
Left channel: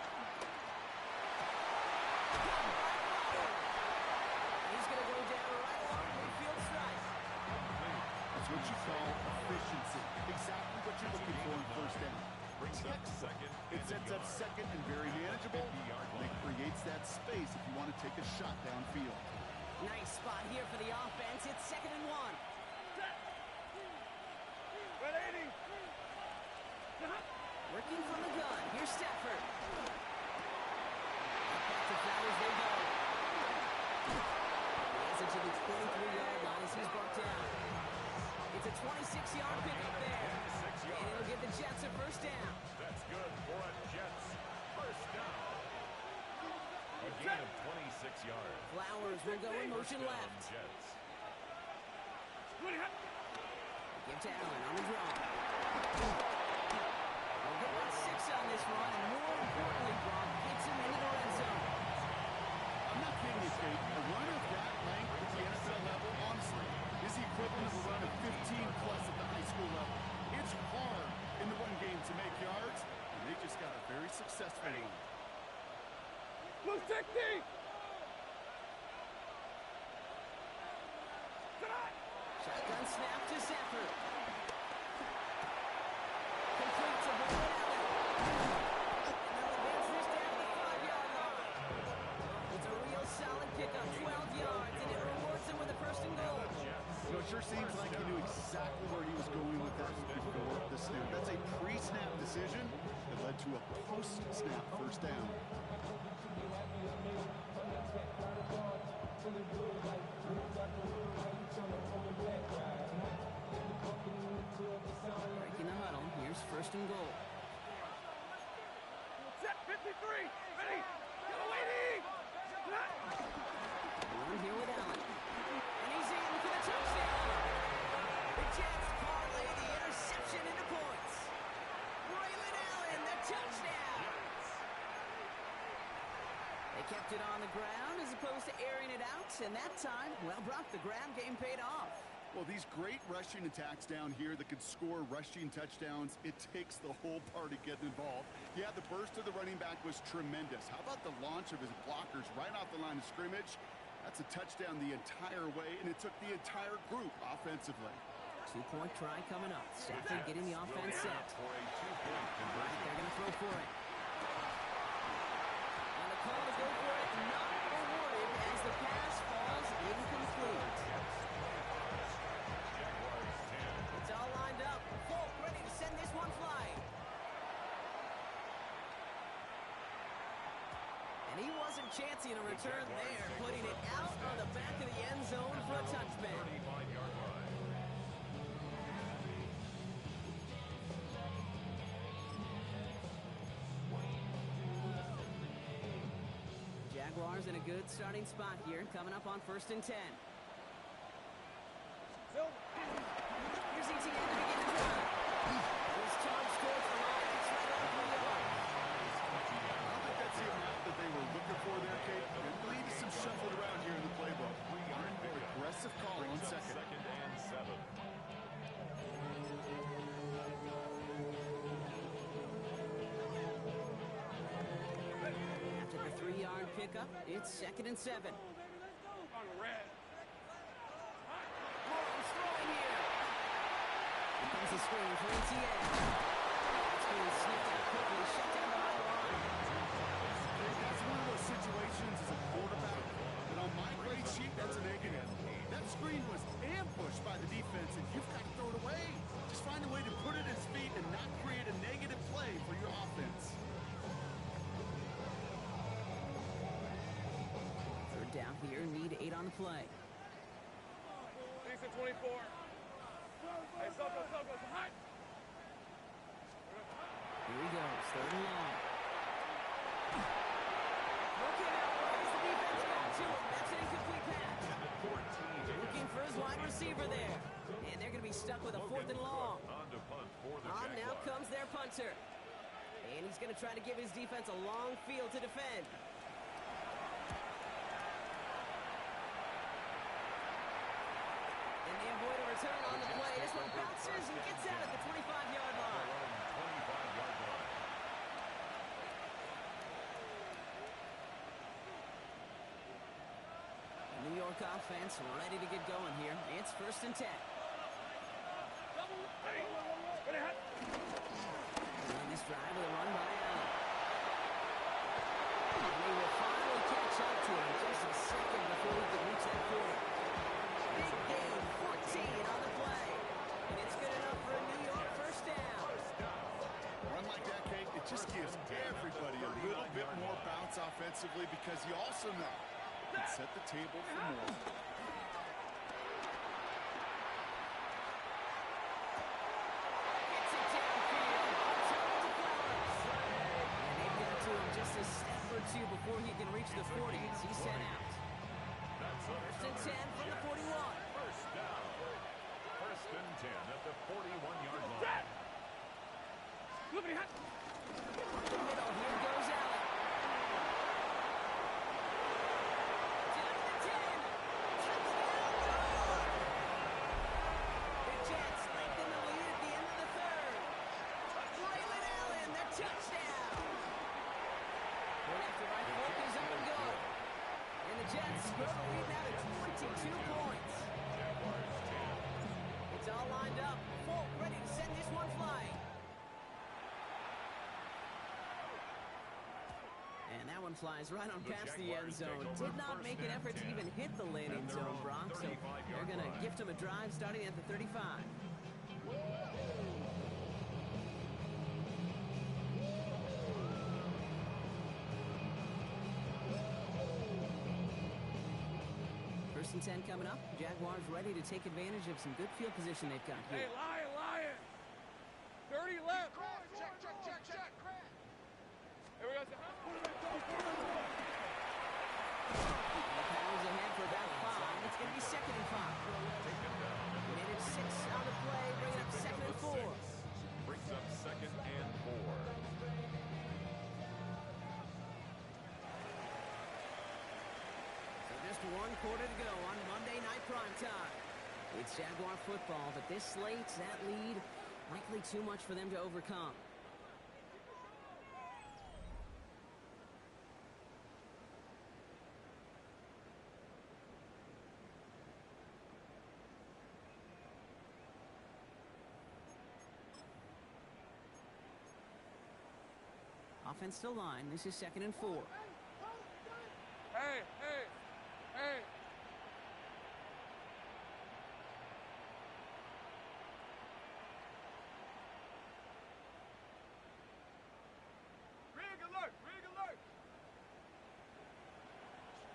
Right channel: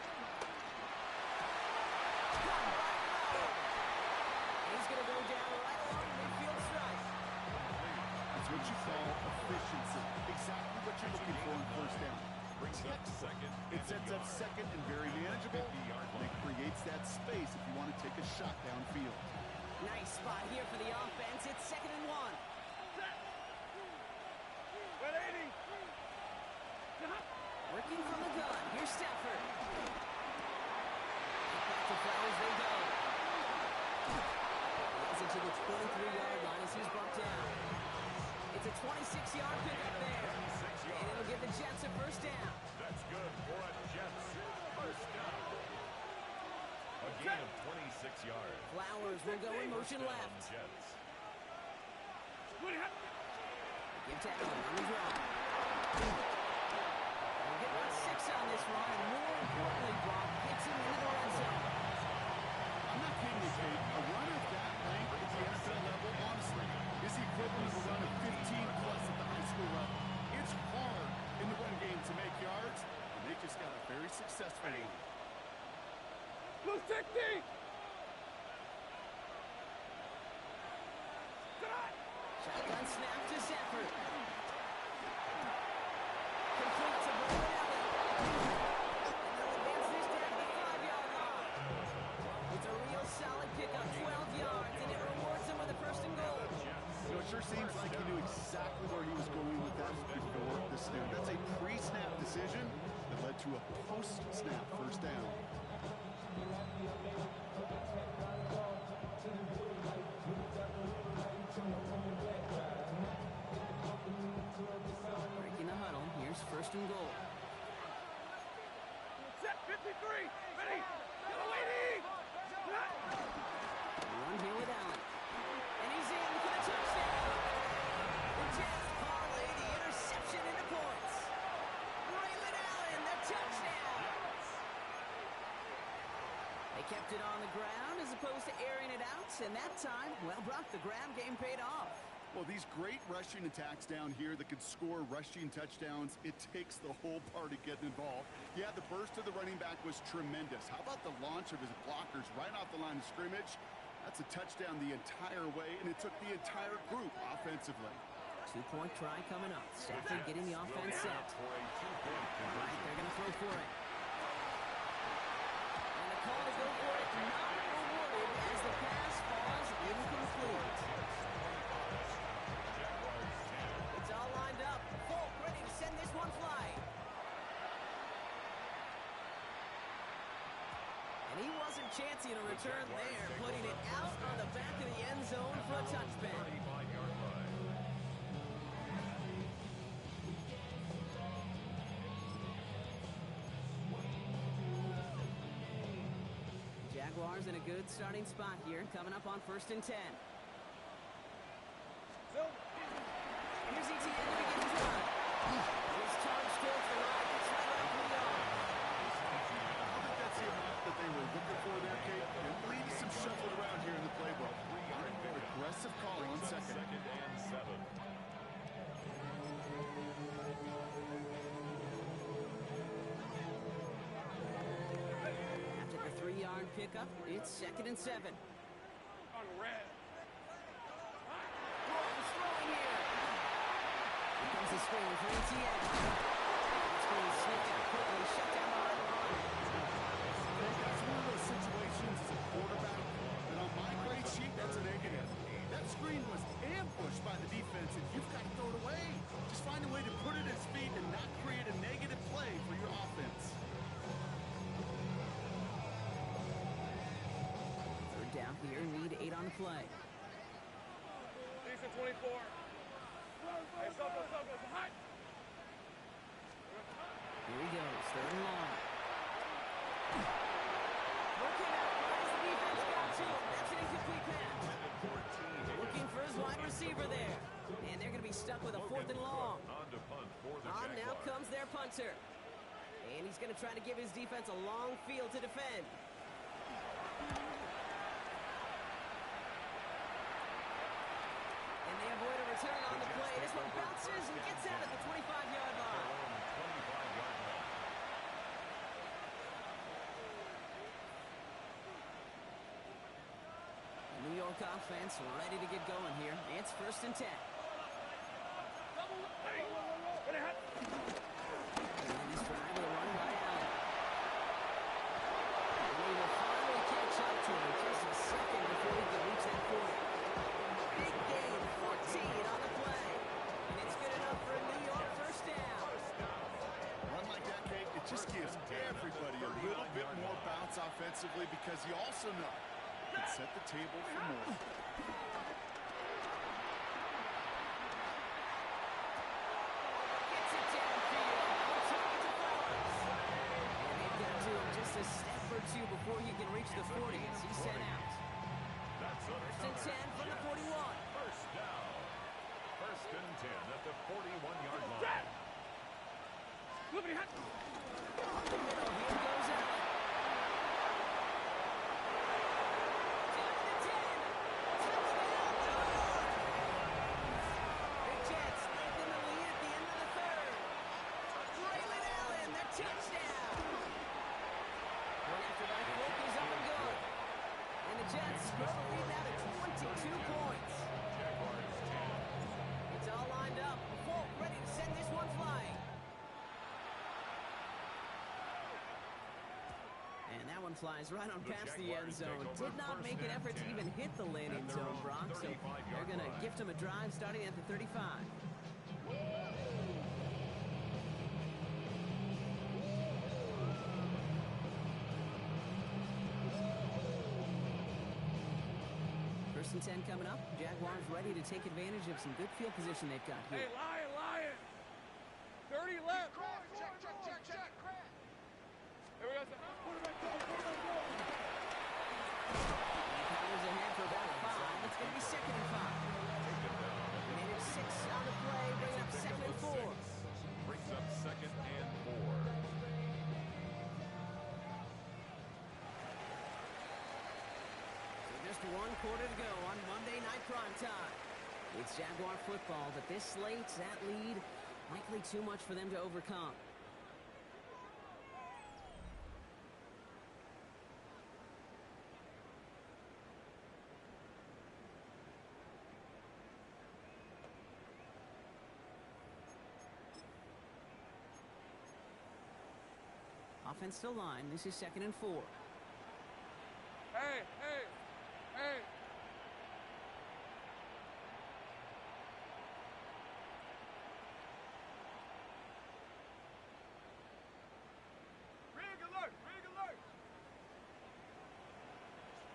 He's going to go down right along midfield strike. That's what you call efficiency. Exactly what you're looking for in first down. Brings up second. It sets up second and very manageable, and it creates that space if you want to take a shot downfield. Nice spot here for the offense. It's 2nd and 1. Wet 80. Working from the gun. Here's Stafford. Back to Flowers they go. He has it to the 23-yard line as he's brought down. It's a 26-yard pickup there. And it'll give the Jets a first down. That's good for a Jets first down. A gain of 26 yards. Flowers will go in motion First down, left. Jets. Give to Allen on the draw. They'll get about 6 on this run, and more importantly, Brock gets him into the red zone. I'm not kidding you, Kate. A run of that length at the NFL level, honestly, is the equivalent of a run of 15-plus at the high school level. It's hard in the run game to make yards, and they just got a very successful one. Blue 60. Shotgun snap to Stafford. Complete to Brandon Allen. And they'll advance this down the 5-yard line. It's a real solid pickup, 12 yards, and it rewards them with a first and goal. You know, it sure seems like he knew exactly where he was going with that before the snap. That's a pre-snap decision that led to a post-snap first down. Breaking the huddle. Here's first and goal. Set 53. Ready. Go waiting. Run here with Allen. And he's in for the touchdown. The Jets parlay the interception into points. Braylon Allen, the touchdown. They kept it on the ground as opposed to airing it out. And that time, well, Brock, the grab game paid off. Well, these great rushing attacks down here that could score rushing touchdowns, it takes the whole party getting involved. Yeah, the burst of the running back was tremendous. How about the launch of his blockers right off the line of scrimmage? That's a touchdown the entire way, and it took the entire group offensively. 2-point try coming up. Stafford getting the offense set. For a 2-point Right, conversion. they're going to throw for it. And the call to go for it not rewarded as the pass falls incomplete. Jaguars 10. It's all lined up. Folk ready to send this one flying. And he wasn't chancing a return there, putting it out on the back of the end zone for a touchback. 35-yard line. Jaguars in a good starting spot here, coming up on 1st and 10. Here's ETN to begin the drive. He's charged towards the line. It's right around 3 yards. I don't think that's the amount that they were looking for there, Kate. It leaves some shuffled around here in the playbook. More aggressive call on second. Second and 7. After the 3-yard pickup, it's 2nd and 7. On red. Gordon's throwing here. Here comes the screen for ETN. It's being sniffed out quickly, shut down behind the line. That's one of those situations as a quarterback that on my grade sheet, that's a negative. That screen was ambushed by the defense, and you've got to throw it away. Just find a way to put it at his feet and not create a negative play for your offense. Third down here, need 8 on the play. Decent 24. Hey, Soko, hot. Here he goes, 3rd and long. Looking out right as the defense got to him. That's an incomplete pass. Looking for his wide receiver there. And they're going to be stuck with a 4th and long. On to punt for the On now Jaguars. comes their punter. And he's going to try to give his defense a long field to defend. And they avoid a return on the play. This one bounces and gets out at the 25-yard line. 25-yard line. The New York offense ready to get going here. It's 1st and 10. And this drive with a run by Allen. And they will finally catch up to him just a second before he can reach that 40. Big gain, 14 on the play. And it's good enough for a New York 1st down. Run like that, Kate, it just gives everybody a little bit more bounce offensively because you also know it can set the table for more. Gets it downfield. On target to Flowers. And they've got to him just a step or two before he can reach the 40 as he's sent out. That's a 1st and 10 from the 41. First down. 1st and 10 at the 41-yard line. Up the middle, here goes Allen. Down to the 10. Touchdown, New York. The Jets lengthen the lead at the end of the 3rd. Braylon Allen, their touchdown. Point after by Folk is up and good. And the Jets grow the lead now to 22 points. Jaguars 10. It's all lined up. Folk ready to send this one flying. And that one flies right on past the end zone. Did not make an effort to even hit the landing zone, Brock. So they're going to gift him a drive starting at the 35. First and 10 coming up. Jaguars ready to take advantage of some good field position they've got Hey, here. Lion. 30 left. Check. Here we go. Powers ahead for about 5. It's going to be 2nd and 5. Minute 6 on the play, bringing up 2nd and 4. Brings up 2nd and 4. So just 1 quarter to go on Monday Night Primetime. It's Jaguar football, but this slate, that lead, likely too much for them to overcome. Offense still line. This is 2nd and 4. Hey. Rig alert.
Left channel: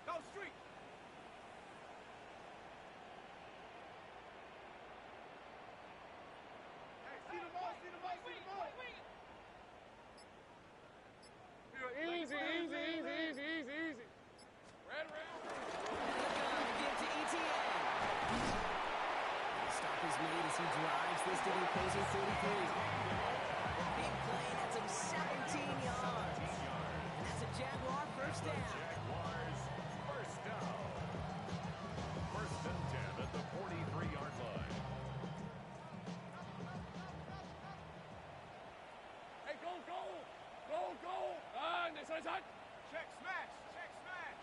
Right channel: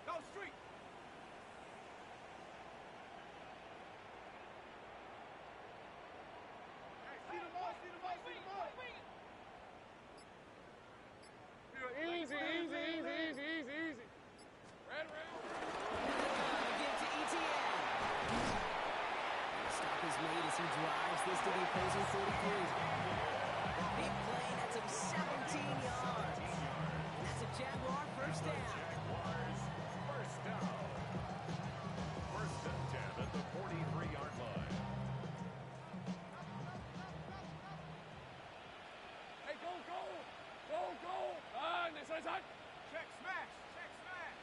Go street. Hey, see the ball. Easy. Red. And the gun again to ETN. And the stop is made as he drives this to the opposing 43. Big play, that's him 17 yards. And that's a Jaguar first down. Jaguars, first down. First and 10 at the 43-yard line. Hey, go, go! Go, go! Ah, next side. Check smash! Check smash!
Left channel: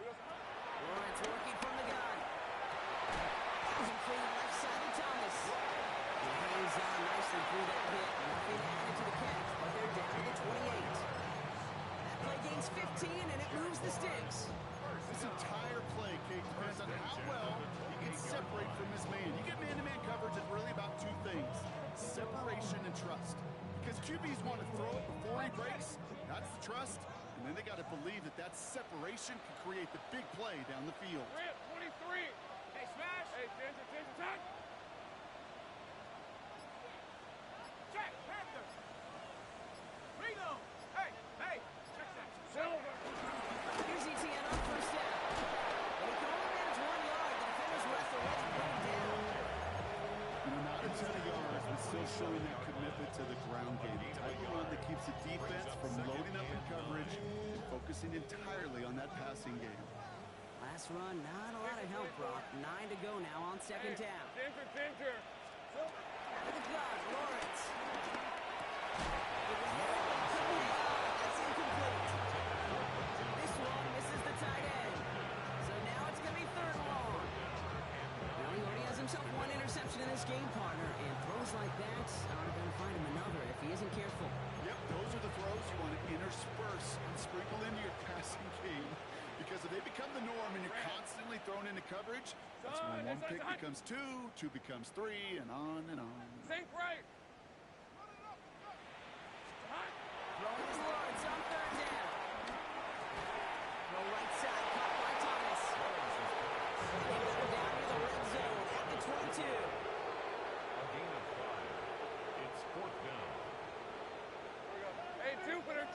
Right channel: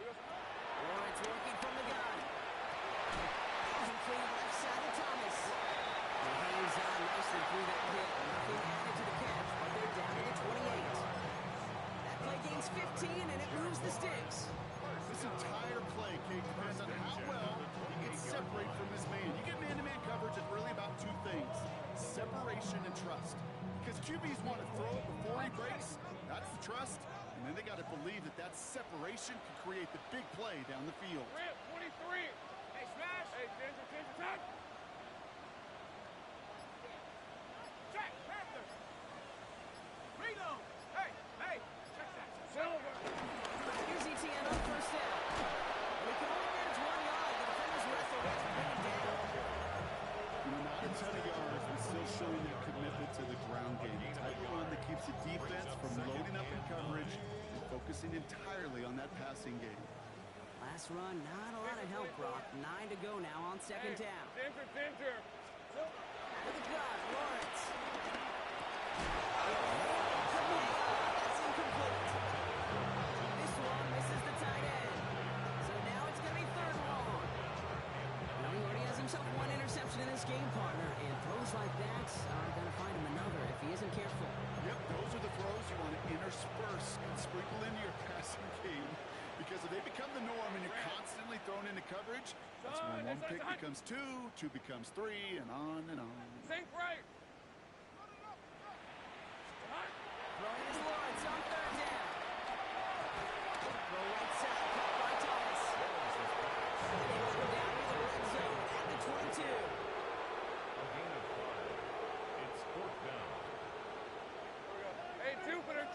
Lawrence working from the gun. Complete left side of Thomas. He hangs on nicely through that hit. Nothing added to the catch, but they're down to the 28. That play gains 15, and it moves the sticks. This entire play, Kate, depends on how well he can separate from his man. You get man-to-man coverage, it's really about two things: separation and trust. Because QBs want to throw it before he breaks. That's the trust. And then they got to believe that that separation can create the big play down the field. Rip, 23. Hey, smash! Hey, Ginger, tag. Check! Panther! Reload! Hey! Hey! Check that! Silver. Here's ETN on first down. But he can only manage 1 yard. The defenders were at the ready to bring him down. You know, not a ton of yards, but still showing that commitment to the ground game. The type of run that keeps the defense from loading up in coverage and focusing entirely on that passing game. Last run, not a lot of help, Brock. 9 to go now on second down. Ginger. Out of the gun, Lawrence. It was there, but he couldn't hang on. That's incomplete. This one misses the tight end. So now it's going to be third and long. Now he already has himself one interception in this game, partner, and throws like that are going to find him another if he isn't careful. Yep, those are the throws you want to intersperse and sprinkle into your passing game. Because if they become the norm and you're constantly thrown into coverage, that's when one pick becomes two becomes three, and on and on. Think right. Throwing is Lawrence on third down. Throw right side, caught by Thomas. And they let him down near the red zone at the 22. A gain of 5. It's fourth down. Hey, Jupiter.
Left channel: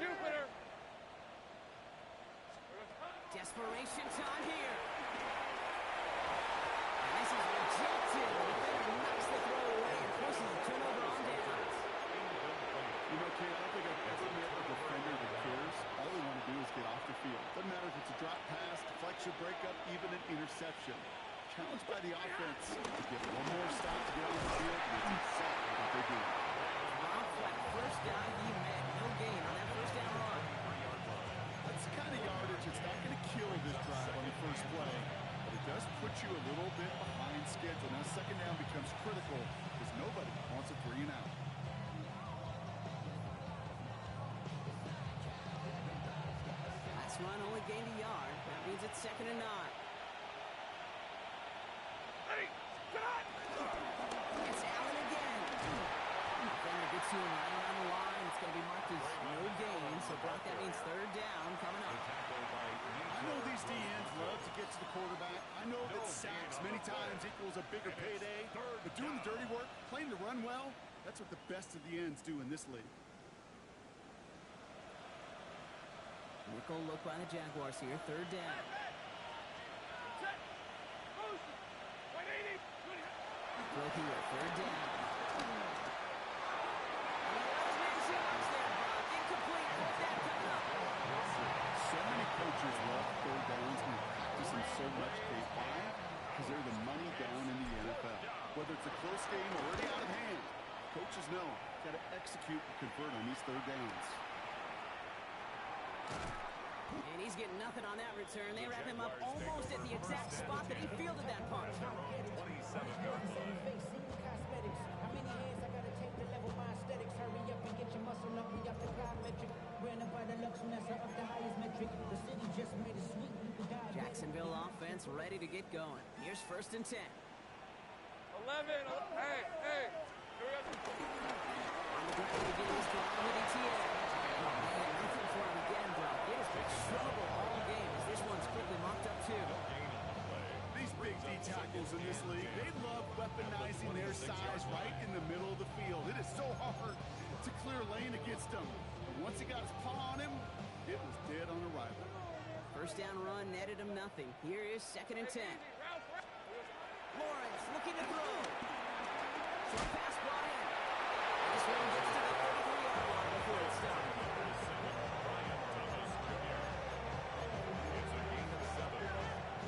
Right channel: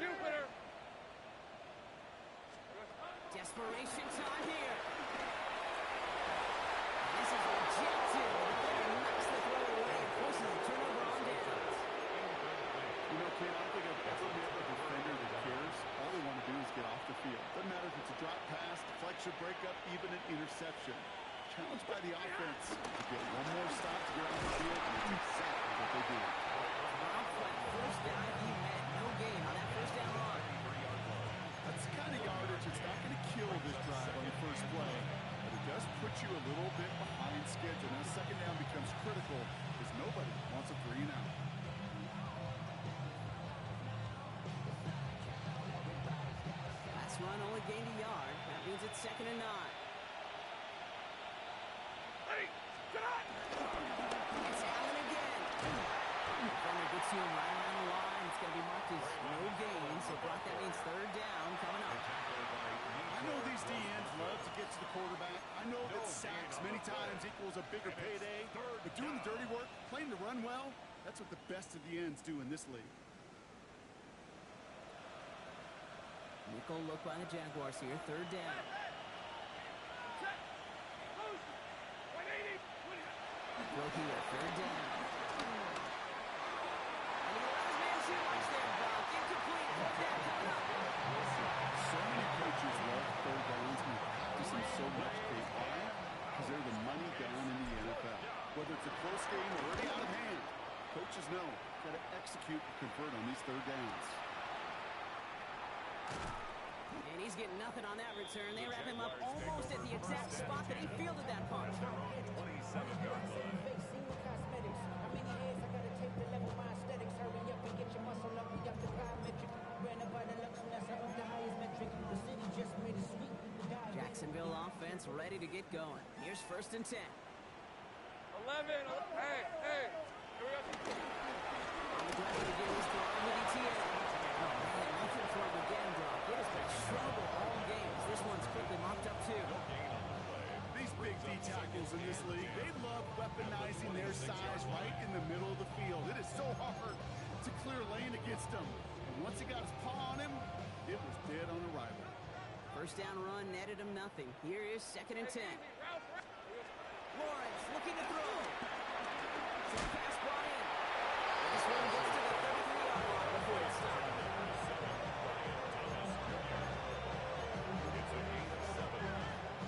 Desperation time here. And this is rejected. The defender knocks the throw away and forces a turnover on downs. You know, Kate, I don't think I've ever met a defender that cares. All they want to do is get off the field. Doesn't matter if it's a drop pass, deflection, breakup, even an interception. Challenged by the offense to get one more stop to get on the field, and that's exactly what they do. Rob flat, first down he met. No gain on that first down run. That's the kind of yardage that's not going to kill this drive on the first play, but it does put you a little bit behind schedule. Now second down becomes critical because nobody wants a 3 and out. Last run only gained a yard. That means it's second and 9. Hey, get on! It's Allen again. Defender gets to him right around the line. It's going to be marked as no gain. So, Brock, that means third down coming up. I know these DNs love to get to the quarterback. I know that sacks many times equals a bigger payday. But doing the dirty work, playing to run well, that's what the best of the ends do in this league. Nickel look by the Jaguars here. Third down. Check. Boost. 180. Throw here. Third down. And he let his man see much there, Brock. Incomplete. Fourth down coming up. So many coaches love third downs and practice them so much, Kate. Why? Because they're the money down in the NFL. Whether it's a close game or already out of hand, coaches know got to execute and convert on these third downs. And he's getting nothing on that return. They wrap him up almost at the exact spot that he fielded that punch. How many heads I gotta take to level my aesthetics? Hurry up and get your muscle up. We got the biometric. Ran up by the Lux and that's up the highest metric. The city just made it sweet. Jacksonville offense ready to get going. Here's first and 10. 11. Hey. Here we go. On the ground to begin this drive with ETN. Oh, man, nothing for him again, Brock. It has been trouble all game as this one's quickly mopped up, too. These big D tackles in this league, they love weaponizing their size right in the middle of the field. It is so hard to clear lane against them. And once he got his paw on him, it was dead on arrival. First down run netted him nothing. Here is second and 10. Lawrence looking to throw. Short pass brought in. And This one gets to the 33-yard line before it's stopped. Brian Thomas Jr. It's a gain of 7.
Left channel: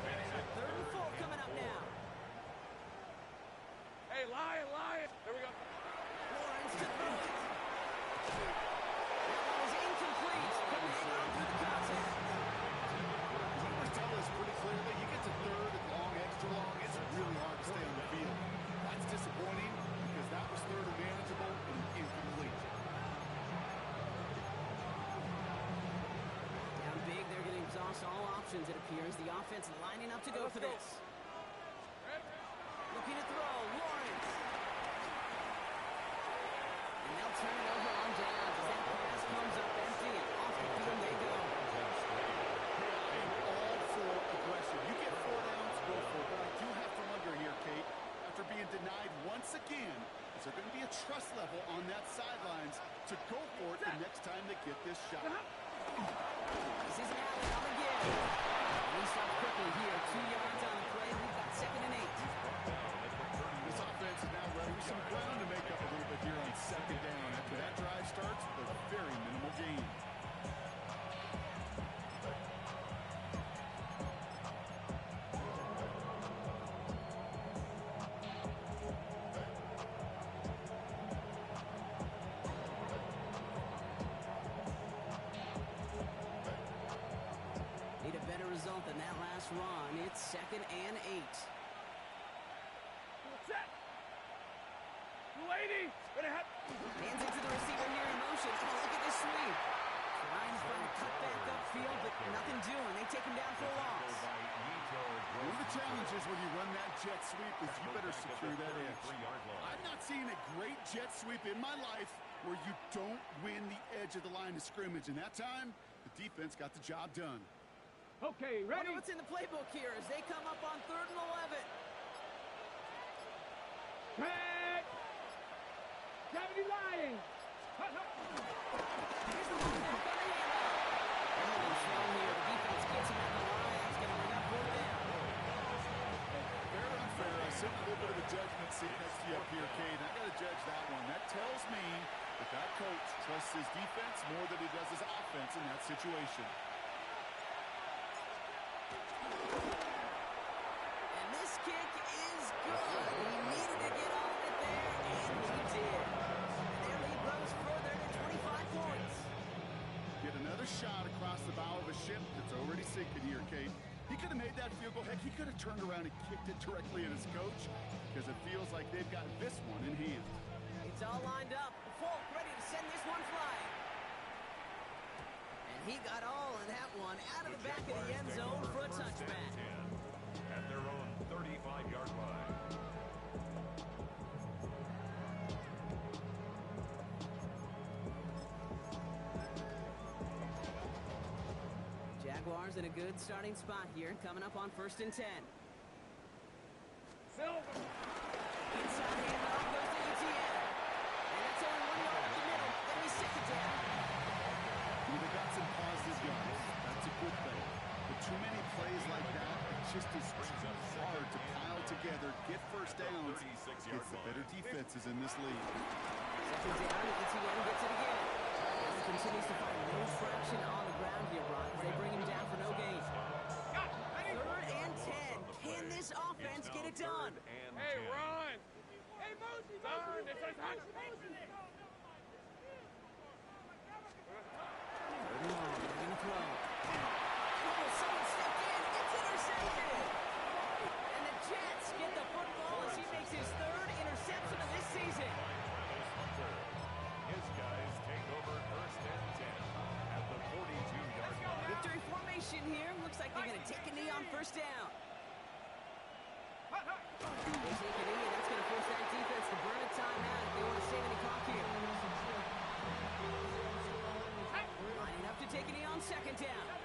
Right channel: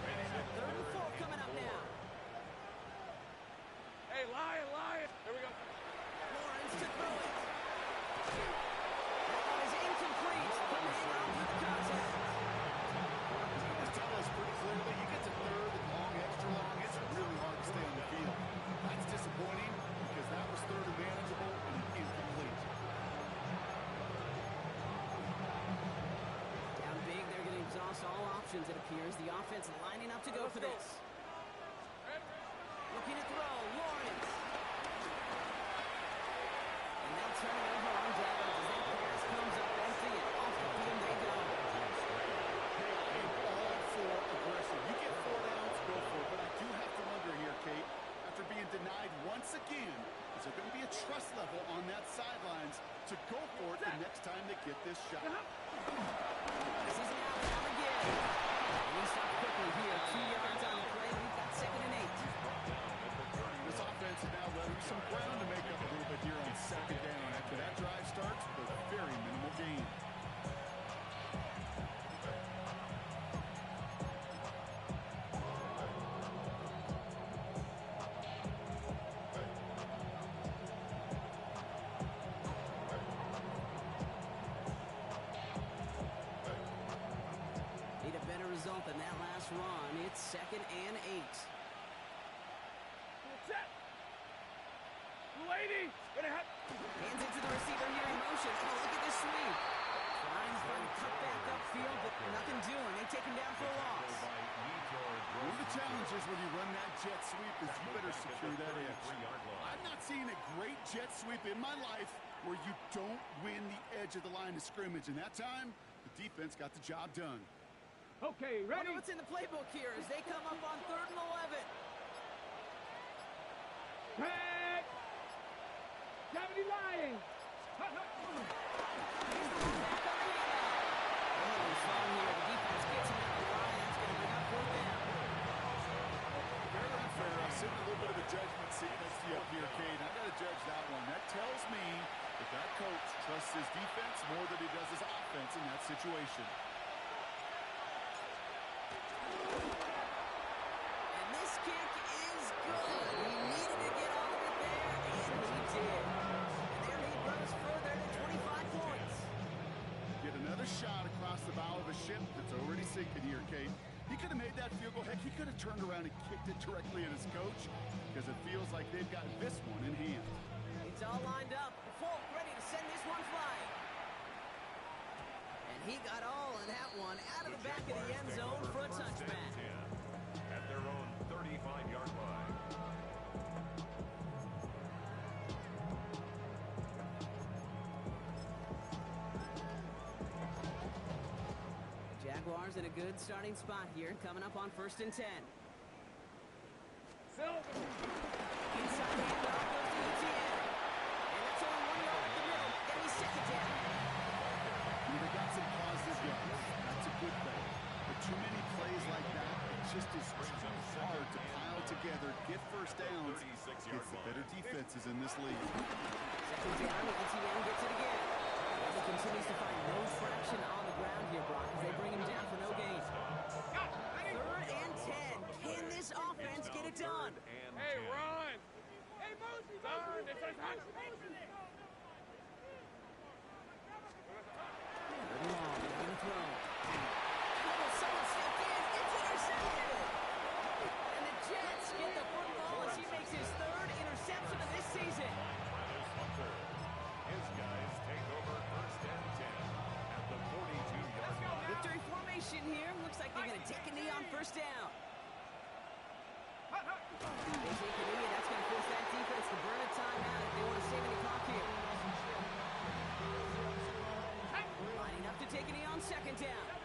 Makes it 3rd and 4 coming up now. Hey, Lion. Here we go. Lawrence to throw it. That one is incomplete. Couldn't hang on through the contact. Numbers tell us pretty clearly, you get to 3rd and long, extra long, it's really hard to stay on the field. That's disappointing because that was 3rd and manageable and incomplete. Down big, they're going to exhaust all options, it appears. The offense lining up to go for this. Looking to throw, Lawrence. And they'll turn it over on downs as that pass comes up empty and off the field they go. Hey, I am all for aggression. You get 4 downs, go for it. But I do have to wonder here, Kate, after being denied once again, is there going to be a trust level on that sidelines to go for it the next time they get this shot? This is an alley on the give. And he stopped quickly here. 2 yards on the play. We've got 2nd and 8. This offense is now letting some ground to make up a little bit here on 2nd down. After that drive starts with a very minimal gain. Need a better result than that last run. It's 2nd and 8. Set. Lady. Gonna have. Hands it to the receiver here in motion. Oh, look at this sweep. Trying to find a cutback upfield, but nothing doing. They take him down for a loss. One of the challenges when you run that jet sweep is you better secure that edge. I've not seen a great jet sweep in my life where you don't win the edge of the line of scrimmage. And that time, the defense got the job done. Okay, ready? Wonder what's in the playbook here as they come up on 3rd and 11. Back. Gravity lying. Here's the one back on the handoff. They're holding strong here. The defense gets him at the line. That's going to bring up 4th down. Fair or unfair, I sit in a little bit of a judgment seat next to you up here, Cade. I got to judge that one. That tells me that that coach trusts his defense more than he does his offense in that situation. And this kick is good. He needed to get all of it there, and he did. And their lead grows further to 25 points. Get another shot across the bow of a ship that's already sinking here, Kate. He could have made that field goal. Heck, he could have turned around and kicked it directly at his coach because it feels like they've got this one in hand. It's all lined up. Folk ready to send this one flying. And he got all of that one out of the back of the end zone for a touchback. At their own 35-yard line. Jaguars in a good starting spot here, coming up on 1st and 10. Silver. Inside handoff goes to ETN. And that's only 1 yard up the middle. Gonna be 2nd down. They got some positive yards. That's a good thing. But too many plays like that, it just is too hard to pile together, get first downs against the better defenses in this league. 2nd down, ETN gets it again. He continues to find no traction on the ground here, Brock, as they bring him down for no gain. 3rd and 10. Can this offense get it done? Hey, Ron. Hey, Mosey. Darn, this is hot. 3rd and long, they're going to throw. Oh, someone stepped in. It's intercepted. And the Jets get the football as he makes his 3rd interception of this season. Travis Hunter. His guys take over 1st and 10 at the 42-yard line. Victory formation here. Looks like they're going to take a knee on 1st down. They take a knee, and that's going to force that defense to burn a timeout if they want to save any clock here. Lining up to take a knee on 2nd down.